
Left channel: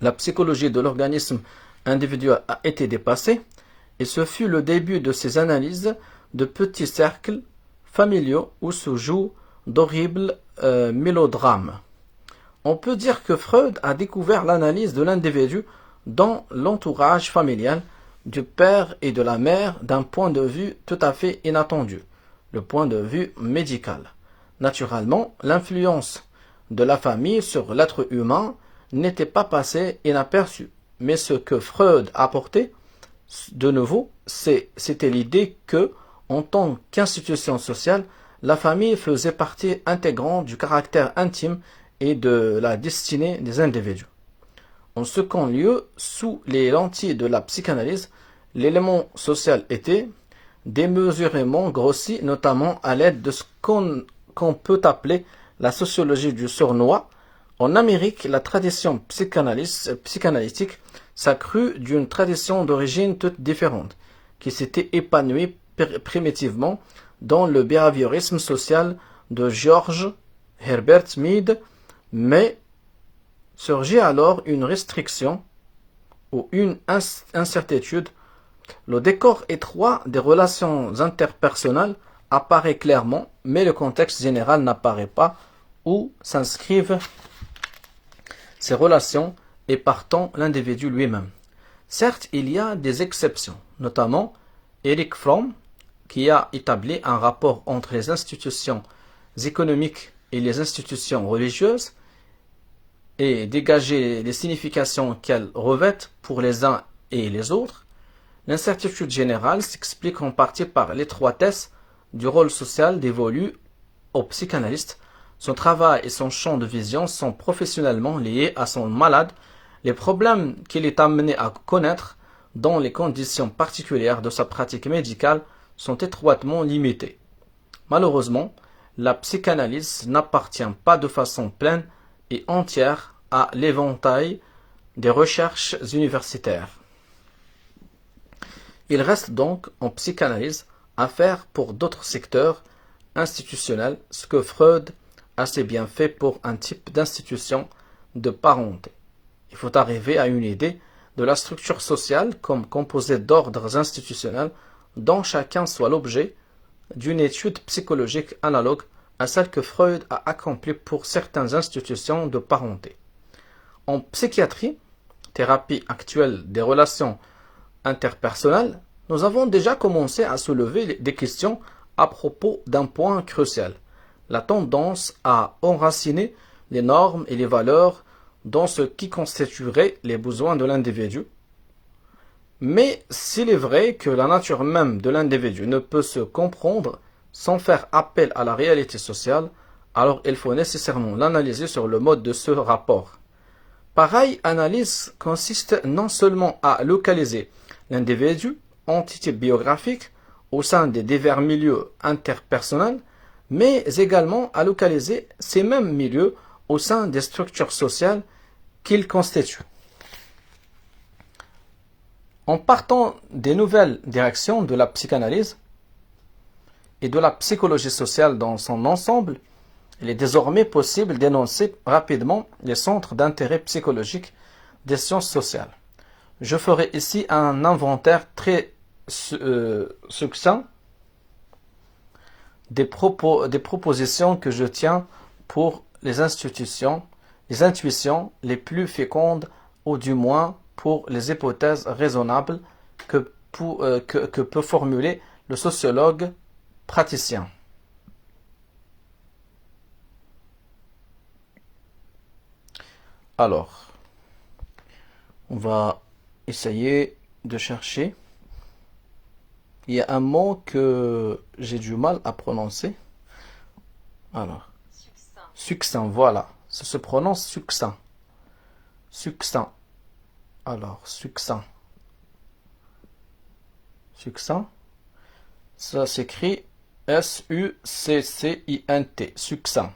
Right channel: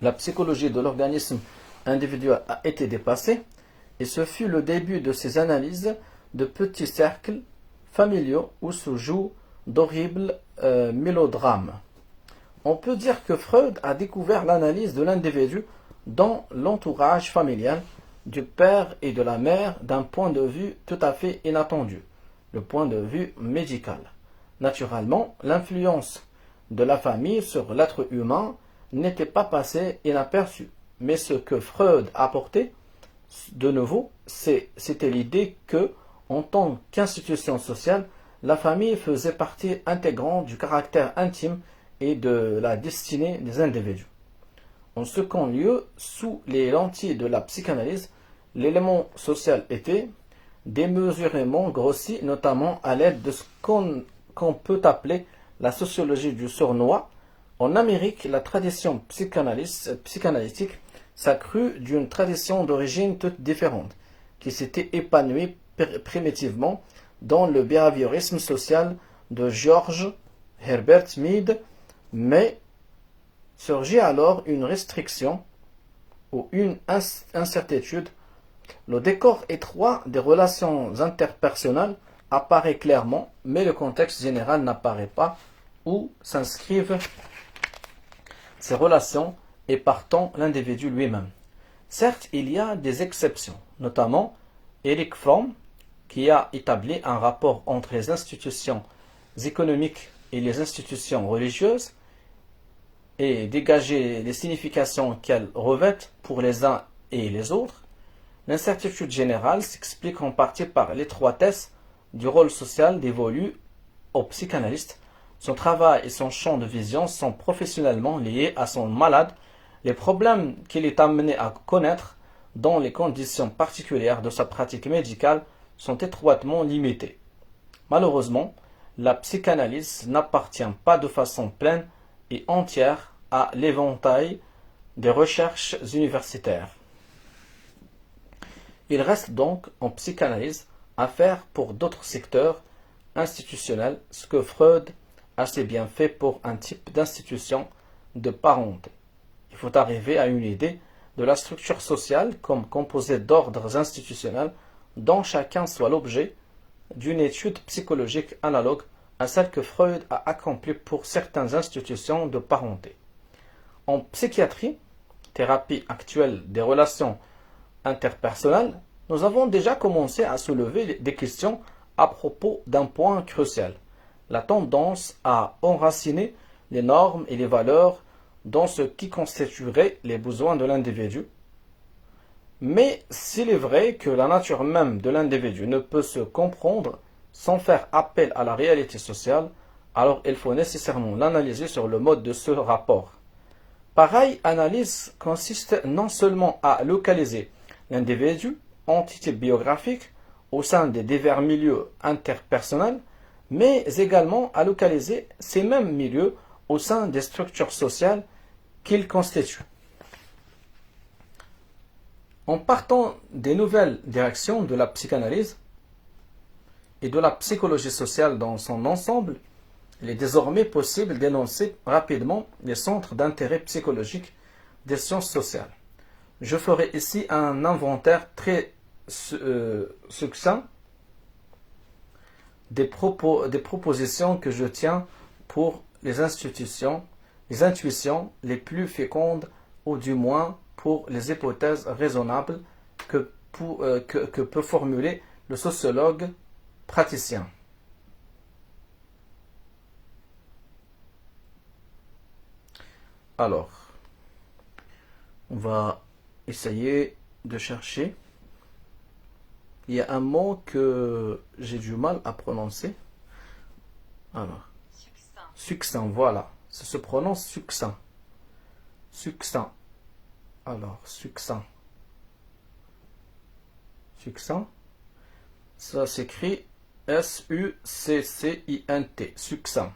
la psychologie de l'organisme individuel a été dépassée, et ce fut le début de ces analyses de petits cercles familiaux où se jouent d'horribles mélodrames. On peut dire que Freud a découvert l'analyse de l'individu dans l'entourage familial du père et de la mère d'un point de vue tout à fait inattendu, le point de vue médical. Naturellement, l'influence de la famille sur l'être humain n'était pas passée inaperçue, mais ce que Freud apportait, de nouveau, c'était l'idée que, en tant qu'institution sociale, la famille faisait partie intégrante du caractère intime et de la destinée des individus. En second lieu, sous les lentilles de la psychanalyse, l'élément social était démesurément grossi, notamment à l'aide de ce qu'on peut appeler la sociologie du sournois. En Amérique, la tradition psychanalytique s'accrut d'une tradition d'origine toute différente, qui s'était épanouie primitivement dans le behaviorisme social de George Herbert Mead, mais surgit alors une restriction ou une incertitude. Le décor étroit des relations interpersonnelles apparaît clairement, mais le contexte général n'apparaît pas où s'inscrivent ces relations et partant l'individu lui-même. Certes, il y a des exceptions, notamment Erich Fromm, qui a établi un rapport entre les institutions économiques et les institutions religieuses et dégagé les significations qu'elles revêtent pour les uns et les autres. L'incertitude générale s'explique en partie par l'étroitesse du rôle social dévolu au psychanalyste. Son travail et son champ de vision sont professionnellement liés à son malade. Les problèmes qu'il est amené à connaître dans les conditions particulières de sa pratique médicale sont étroitement limités. Malheureusement, la psychanalyse n'appartient pas de façon pleine et entière à l'éventail des recherches universitaires. Il reste donc en psychanalyse à faire pour d'autres secteurs institutionnels ce que Freud a assez bien fait pour un type d'institution de parenté. Il faut arriver à une idée de la structure sociale comme composée d'ordres institutionnels dont chacun soit l'objet d'une étude psychologique analogue à celle que Freud a accomplie pour certaines institutions de parenté. En psychiatrie, thérapie actuelle des relations interpersonnelles, nous avons déjà commencé à soulever des questions à propos d'un point crucial, la tendance à enraciner les normes et les valeurs dans ce qui constituerait les besoins de l'individu. Mais s'il est vrai que la nature même de l'individu ne peut se comprendre sans faire appel à la réalité sociale, alors il faut nécessairement l'analyser sur le mode de ce rapport. Pareille analyse consiste non seulement à localiser l'individu, entité biographique, au sein des divers milieux interpersonnels, mais également à localiser ces mêmes milieux au sein des structures sociales qu'ils constituent. En partant des nouvelles directions de la psychanalyse et de la psychologie sociale dans son ensemble, il est désormais possible d'énoncer rapidement les centres d'intérêt psychologique des sciences sociales. Je ferai ici un inventaire très succinct des propositions que je tiens pour les intuitions les plus fécondes, ou du moins pour les hypothèses raisonnables que peut formuler le sociologue praticien. Alors, on va essayer de chercher. Il y a un mot que j'ai du mal à prononcer. Alors, succinct, voilà. Ça se prononce succinct. Succinct. Alors, succinct. Succinct. Ça s'écrit S-U-C-C-I-N-T. Succinct.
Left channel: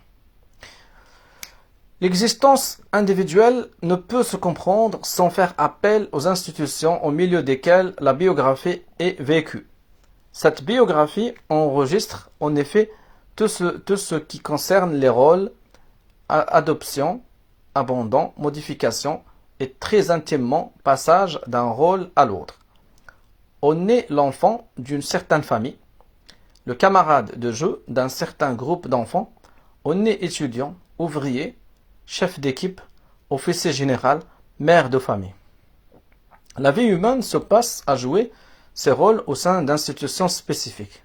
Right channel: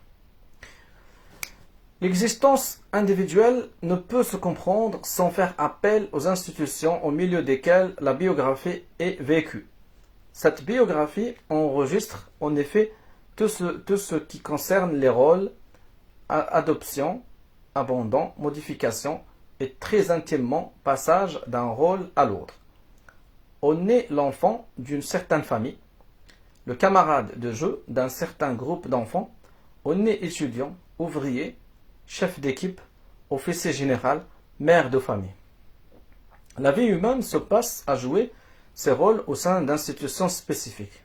L'existence individuelle ne peut se comprendre sans faire appel aux institutions au milieu desquelles la biographie est vécue. Cette biographie enregistre en effet tout ce qui concerne les rôles, adoption, abandon, modification et très intimement passage d'un rôle à l'autre. On est l'enfant d'une certaine famille, le camarade de jeu d'un certain groupe d'enfants, on est étudiant, ouvrier, chef d'équipe, officier général, mère de famille. La vie humaine se passe à jouer ses rôles au sein d'institutions spécifiques.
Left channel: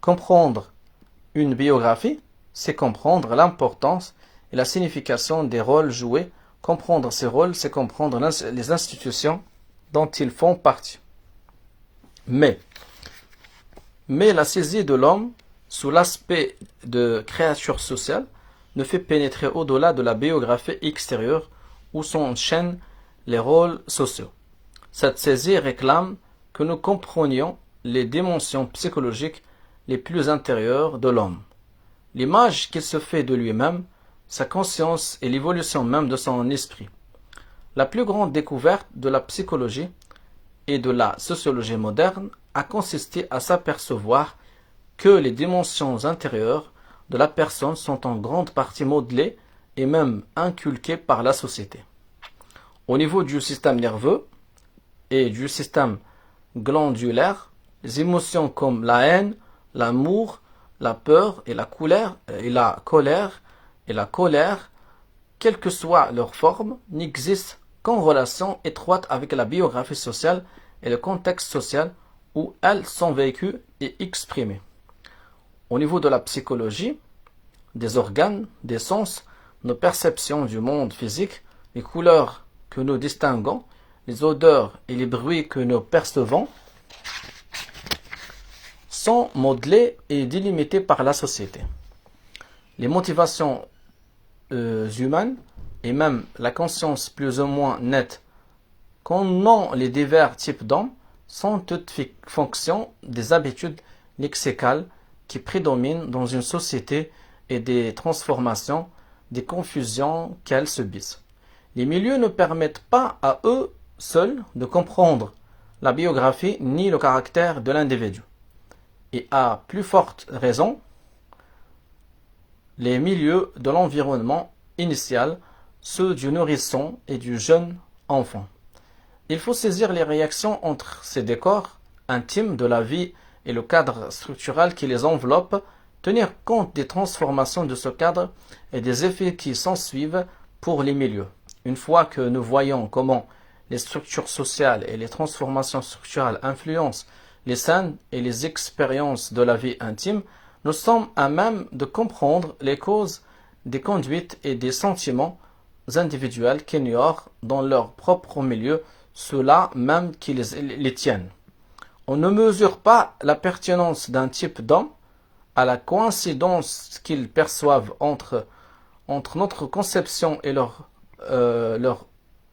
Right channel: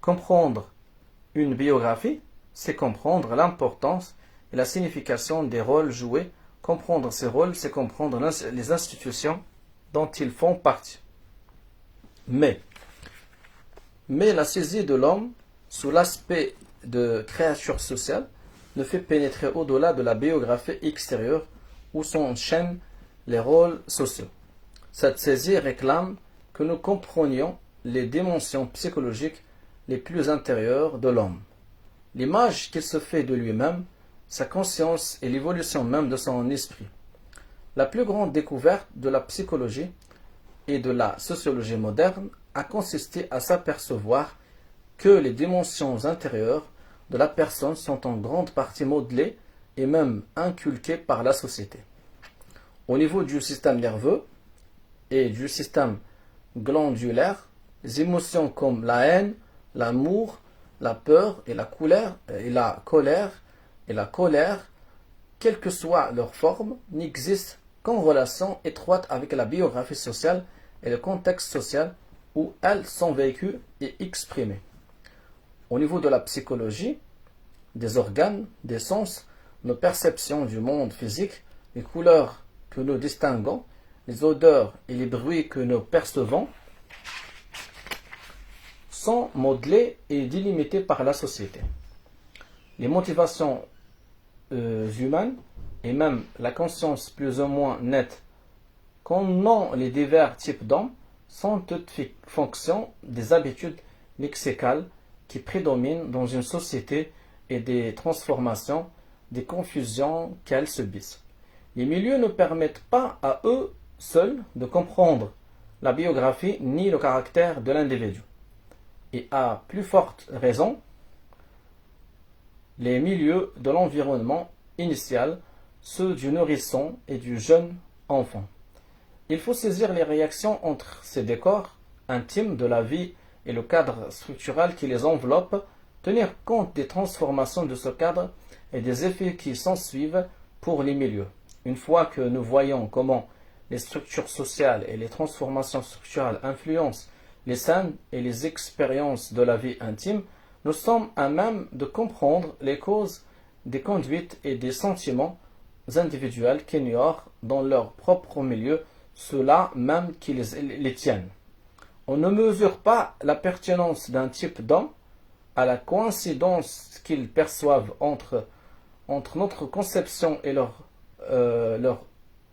Comprendre une biographie, c'est comprendre l'importance et la signification des rôles joués. Comprendre ces rôles, c'est comprendre les institutions dont ils font partie. Mais la saisie de l'homme, sous l'aspect de créature sociale, ne fait pénétrer au-delà de la biographie extérieure où s'enchaînent les rôles sociaux. Cette saisie réclame que nous comprenions les dimensions psychologiques les plus intérieures de l'homme, l'image qu'il se fait de lui-même, sa conscience et l'évolution même de son esprit. La plus grande découverte de la psychologie et de la sociologie moderne a consisté à s'apercevoir que les dimensions intérieures de la personne sont en grande partie modelées et même inculquées par la société. Au niveau du système nerveux et du système glandulaire, les émotions comme la haine, l'amour, la peur et la colère, quelle que soit leur forme, n'existent qu'en relation étroite avec la biographie sociale et le contexte social où elles sont vécues et exprimées. Au niveau de la psychologie, des organes, des sens, nos perceptions du monde physique, les couleurs que nous distinguons, les odeurs et les bruits que nous percevons, sont modelés et délimités par la société. Les motivations humaines et même la conscience plus ou moins nette qu'en ont les divers types d'hommes sont toutes fonction des habitudes lexicales qui prédominent dans une société et des transformations, des confusions qu'elles subissent. Les milieux ne permettent pas à eux seuls de comprendre la biographie ni le caractère de l'individu. Et à plus forte raison, les milieux de l'environnement initial, ceux du nourrisson et du jeune enfant. Il faut saisir les réactions entre ces décors intimes de la vie et le cadre structural qui les enveloppe, tenir compte des transformations de ce cadre et des effets qui s'ensuivent pour les milieux. Une fois que nous voyons comment les structures sociales et les transformations structurelles influencent les scènes et les expériences de la vie intime, nous sommes à même de comprendre les causes des conduites et des sentiments individuels qu'ignorent dans leur propre milieu ceux-là même qui les tiennent. On ne mesure pas la pertinence d'un type d'homme à la coïncidence qu'ils perçoivent entre notre conception et leur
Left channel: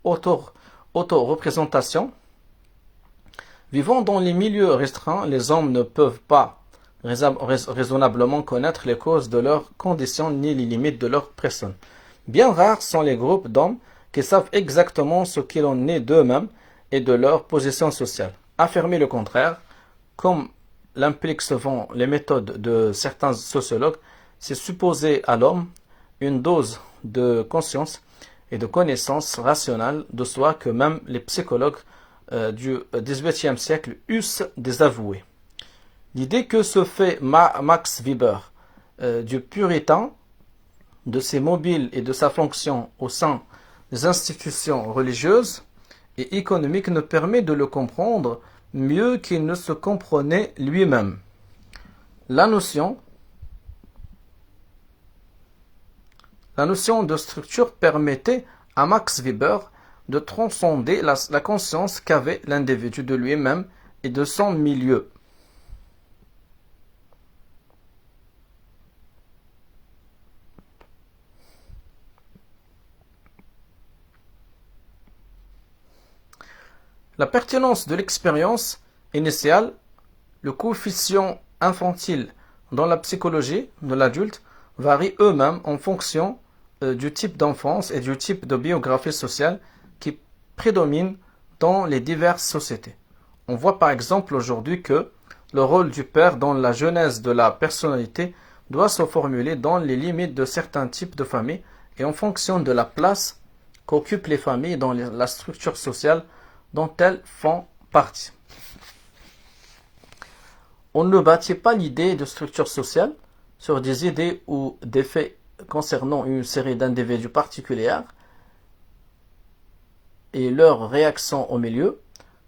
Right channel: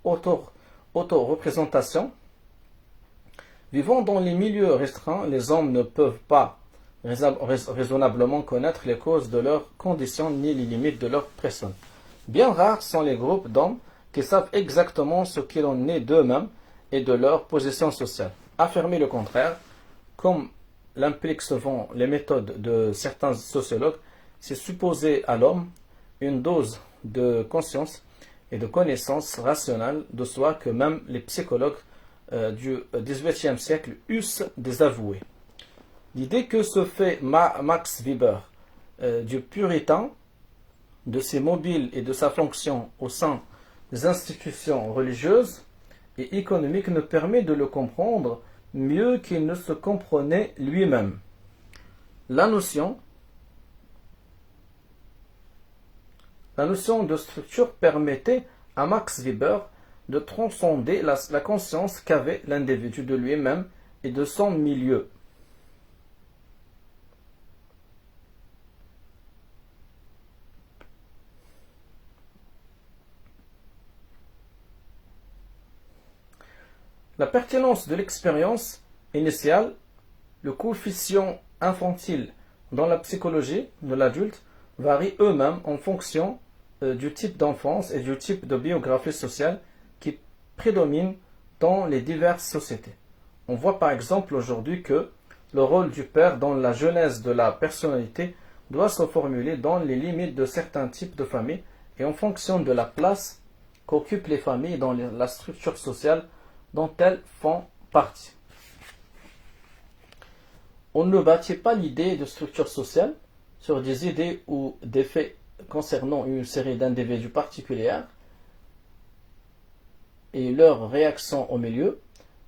auto-représentation. Vivant dans les milieux restreints, les hommes ne peuvent pas raisonnablement connaître les causes de leurs conditions ni les limites de leur personne. Bien rares sont les groupes d'hommes qui savent exactement ce qu'il en est d'eux-mêmes et de leur position sociale. Affirmer le contraire, comme l'impliquent souvent les méthodes de certains sociologues, c'est supposer à l'homme une dose de conscience et de connaissance rationnelle de soi que même les psychologues du XVIIIe siècle eussent désavoué. L'idée que se fait Max Weber du puritain, de ses mobiles et de sa fonction au sein des institutions religieuses et économiques ne permet de le comprendre mieux qu'il ne se comprenait lui-même. La notion de structure permettait à Max Weber de transcender la conscience qu'avait l'individu de lui-même et de son milieu. La pertinence de l'expérience initiale, le coefficient infantile dans la psychologie de l'adulte varient eux-mêmes en fonction du type d'enfance et du type de biographie sociale qui prédomine dans les diverses sociétés. On voit par exemple aujourd'hui que le rôle du père dans la genèse de la personnalité doit se formuler dans les limites de certains types de familles et en fonction de la place qu'occupent les familles dans la structure sociale dont elles font partie. On ne bâtit pas l'idée de structure sociale sur des idées ou des faits concernant une série d'individus particuliers et leur réaction au milieu.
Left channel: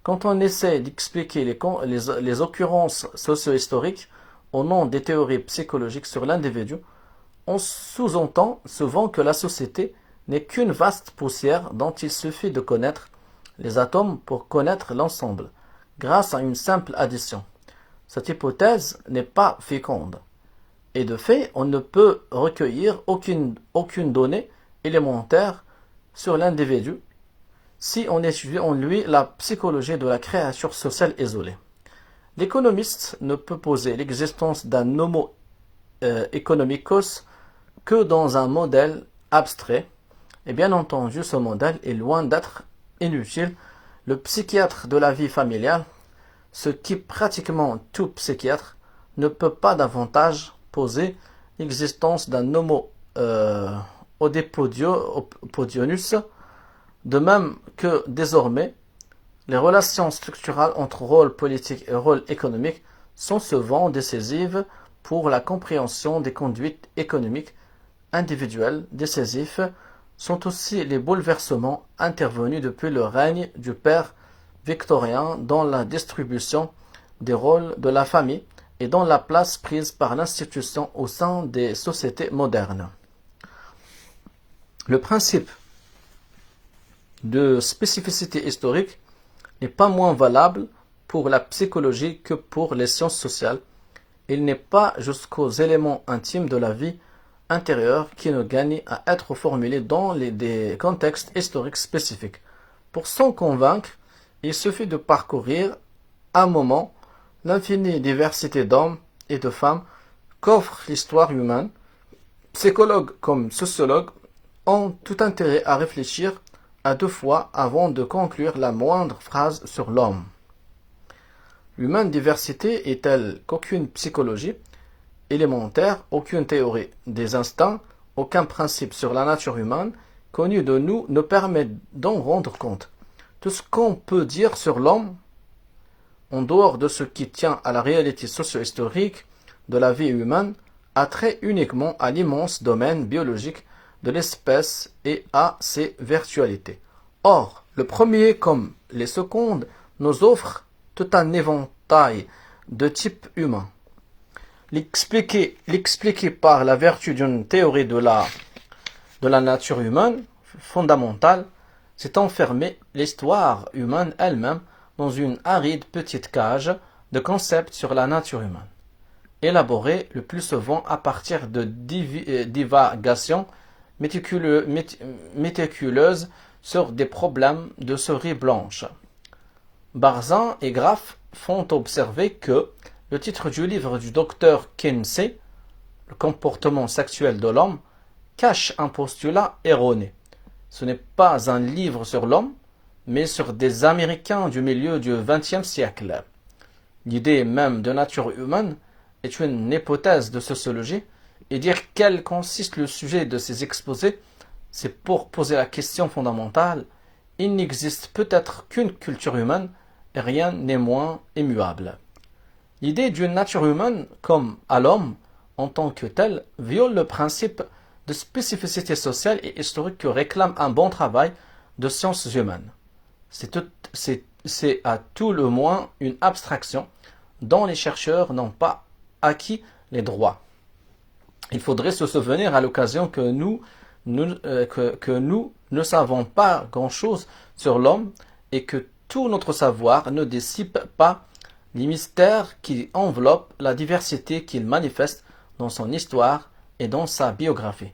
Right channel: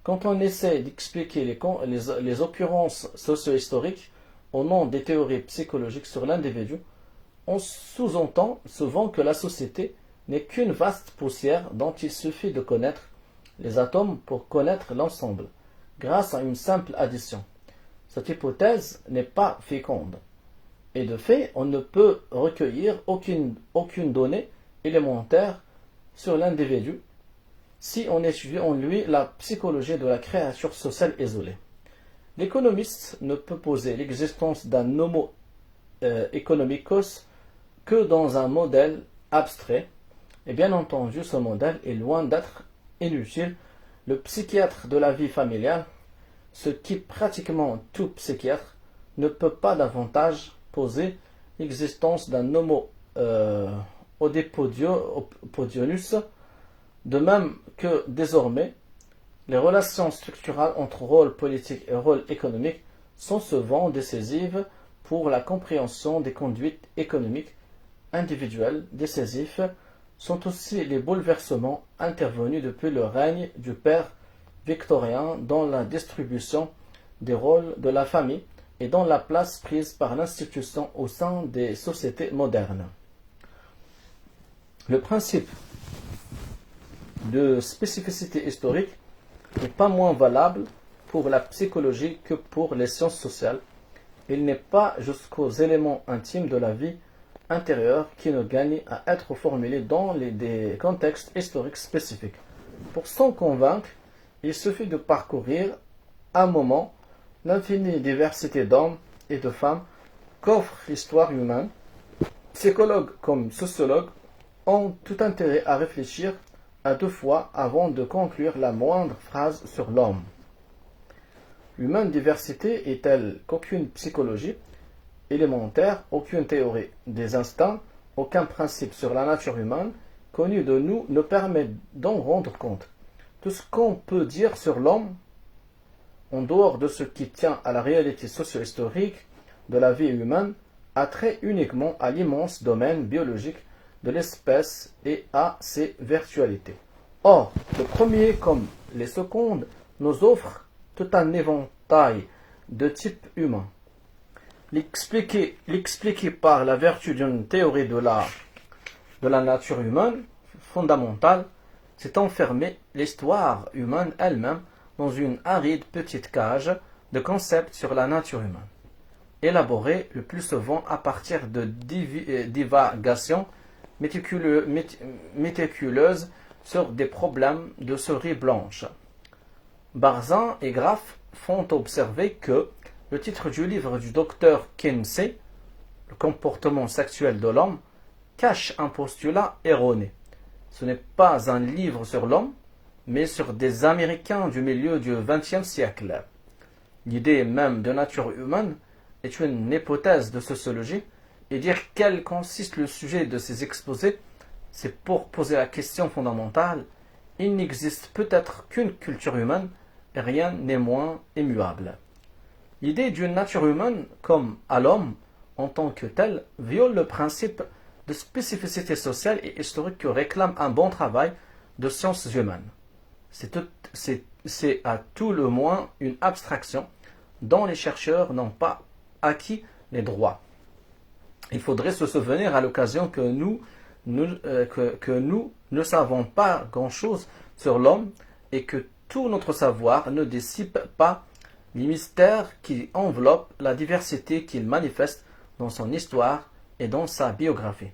Quand on essaie d'expliquer les occurrences socio-historiques au nom des théories psychologiques sur l'individu, on sous-entend souvent que la société n'est qu'une vaste poussière dont il suffit de connaître les atomes pour connaître l'ensemble, grâce à une simple addition. Cette hypothèse n'est pas féconde. Et de fait, on ne peut recueillir aucune donnée élémentaire sur l'individu si on étudie en lui la psychologie de la créature sociale isolée. L'économiste ne peut poser l'existence d'un homo economicus que dans un modèle abstrait, et bien entendu ce modèle est loin d'être inutile. Le psychiatre de la vie familiale, ce qui pratiquement tout psychiatre, ne peut pas davantage poser l'existence d'un homo oedipodionus, de même que désormais les relations structurales entre rôle politique et rôle économique sont souvent décisives pour la compréhension des conduites économiques individuelles. Décisifs sont aussi les bouleversements intervenus depuis le règne du père victorien dans la distribution des rôles de la famille et dans la place prise par l'institution au sein des sociétés modernes. Le principe de spécificité historique n'est pas moins valable pour la psychologie que pour les sciences sociales. Il n'est pas jusqu'aux éléments intimes de la vie intérieure qui ne gagnent à être formulés dans des contextes historiques spécifiques. Pour s'en convaincre, il suffit de parcourir un moment l'infinie diversité d'hommes et de femmes qu'offre l'histoire humaine. Psychologues comme sociologues ont tout intérêt à réfléchir à deux fois avant de conclure la moindre phrase sur l'homme. L'humaine diversité est telle qu'aucune psychologie élémentaire, aucune théorie des instincts, aucun principe sur la nature humaine connu de nous ne permet d'en rendre compte. Tout ce qu'on peut dire sur l'homme, en dehors de ce qui tient à la réalité socio-historique de la vie humaine, a trait uniquement à l'immense domaine biologique de l'espèce et à ses virtualités. Or, le premier comme les secondes nous offrent tout un éventail de types humains. L'expliquer par la vertu d'une théorie de la nature humaine fondamentale, c'est enfermer l'histoire humaine elle-même dans une aride petite cage de concepts sur la nature humaine, élaborés le plus souvent à partir de divagations méticuleuses sur des problèmes de souris blanche. Barzan et Graff font observer que le titre du livre du docteur Kinsey, Le comportement sexuel de l'homme, cache un postulat erroné. Ce n'est pas un livre sur l'homme, mais sur des Américains du milieu du XXe siècle. L'idée même de nature humaine est une hypothèse de sociologie, et dire quel consiste le sujet de ces exposés, c'est pour poser la question fondamentale: il n'existe peut-être qu'une culture humaine, et rien n'est moins immuable. L'idée d'une nature humaine comme à l'homme en tant que tel viole le principe de spécificité sociale et historique que réclame un bon travail de sciences humaines. C'est à tout le moins une abstraction dont les chercheurs n'ont pas acquis les droits. Il faudrait se souvenir à l'occasion que nous ne savons pas grand-chose sur l'homme et que tout notre savoir ne dissipe pas les mystères qui enveloppent la diversité qu'il manifeste dans son histoire et dans sa biographie.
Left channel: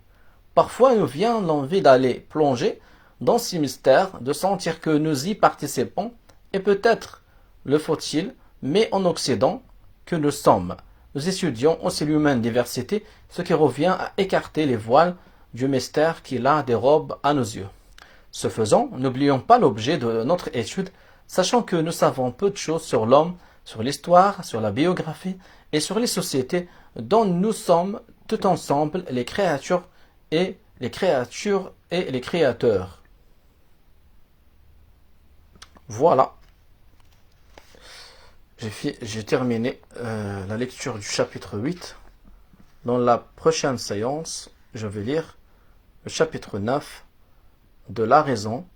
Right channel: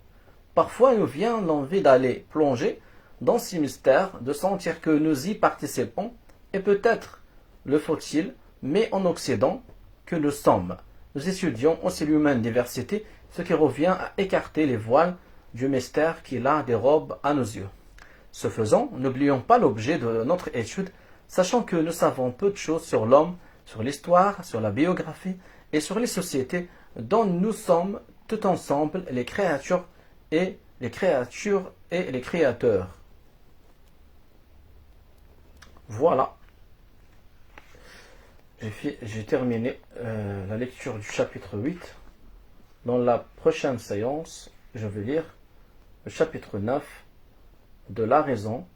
Parfois nous vient l'envie d'aller plonger dans ces mystères, de sentir que nous y participons, et peut-être le faut-il, mais en Occident, que nous sommes. Nous étudions aussi l'humaine diversité, ce qui revient à écarter les voiles du mystère qui la dérobe à nos yeux. Ce faisant, n'oublions pas l'objet de notre étude, sachant que nous savons peu de choses sur l'homme, sur l'histoire, sur la biographie et sur les sociétés dont nous sommes tout ensemble les créatures et les créateurs. Voilà. J'ai terminé la lecture du chapitre 8. Dans la prochaine séance, je vais lire le chapitre 9 de la raison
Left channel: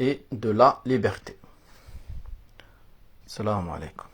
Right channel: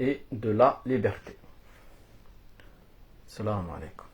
et de la liberté. Salam alaikum.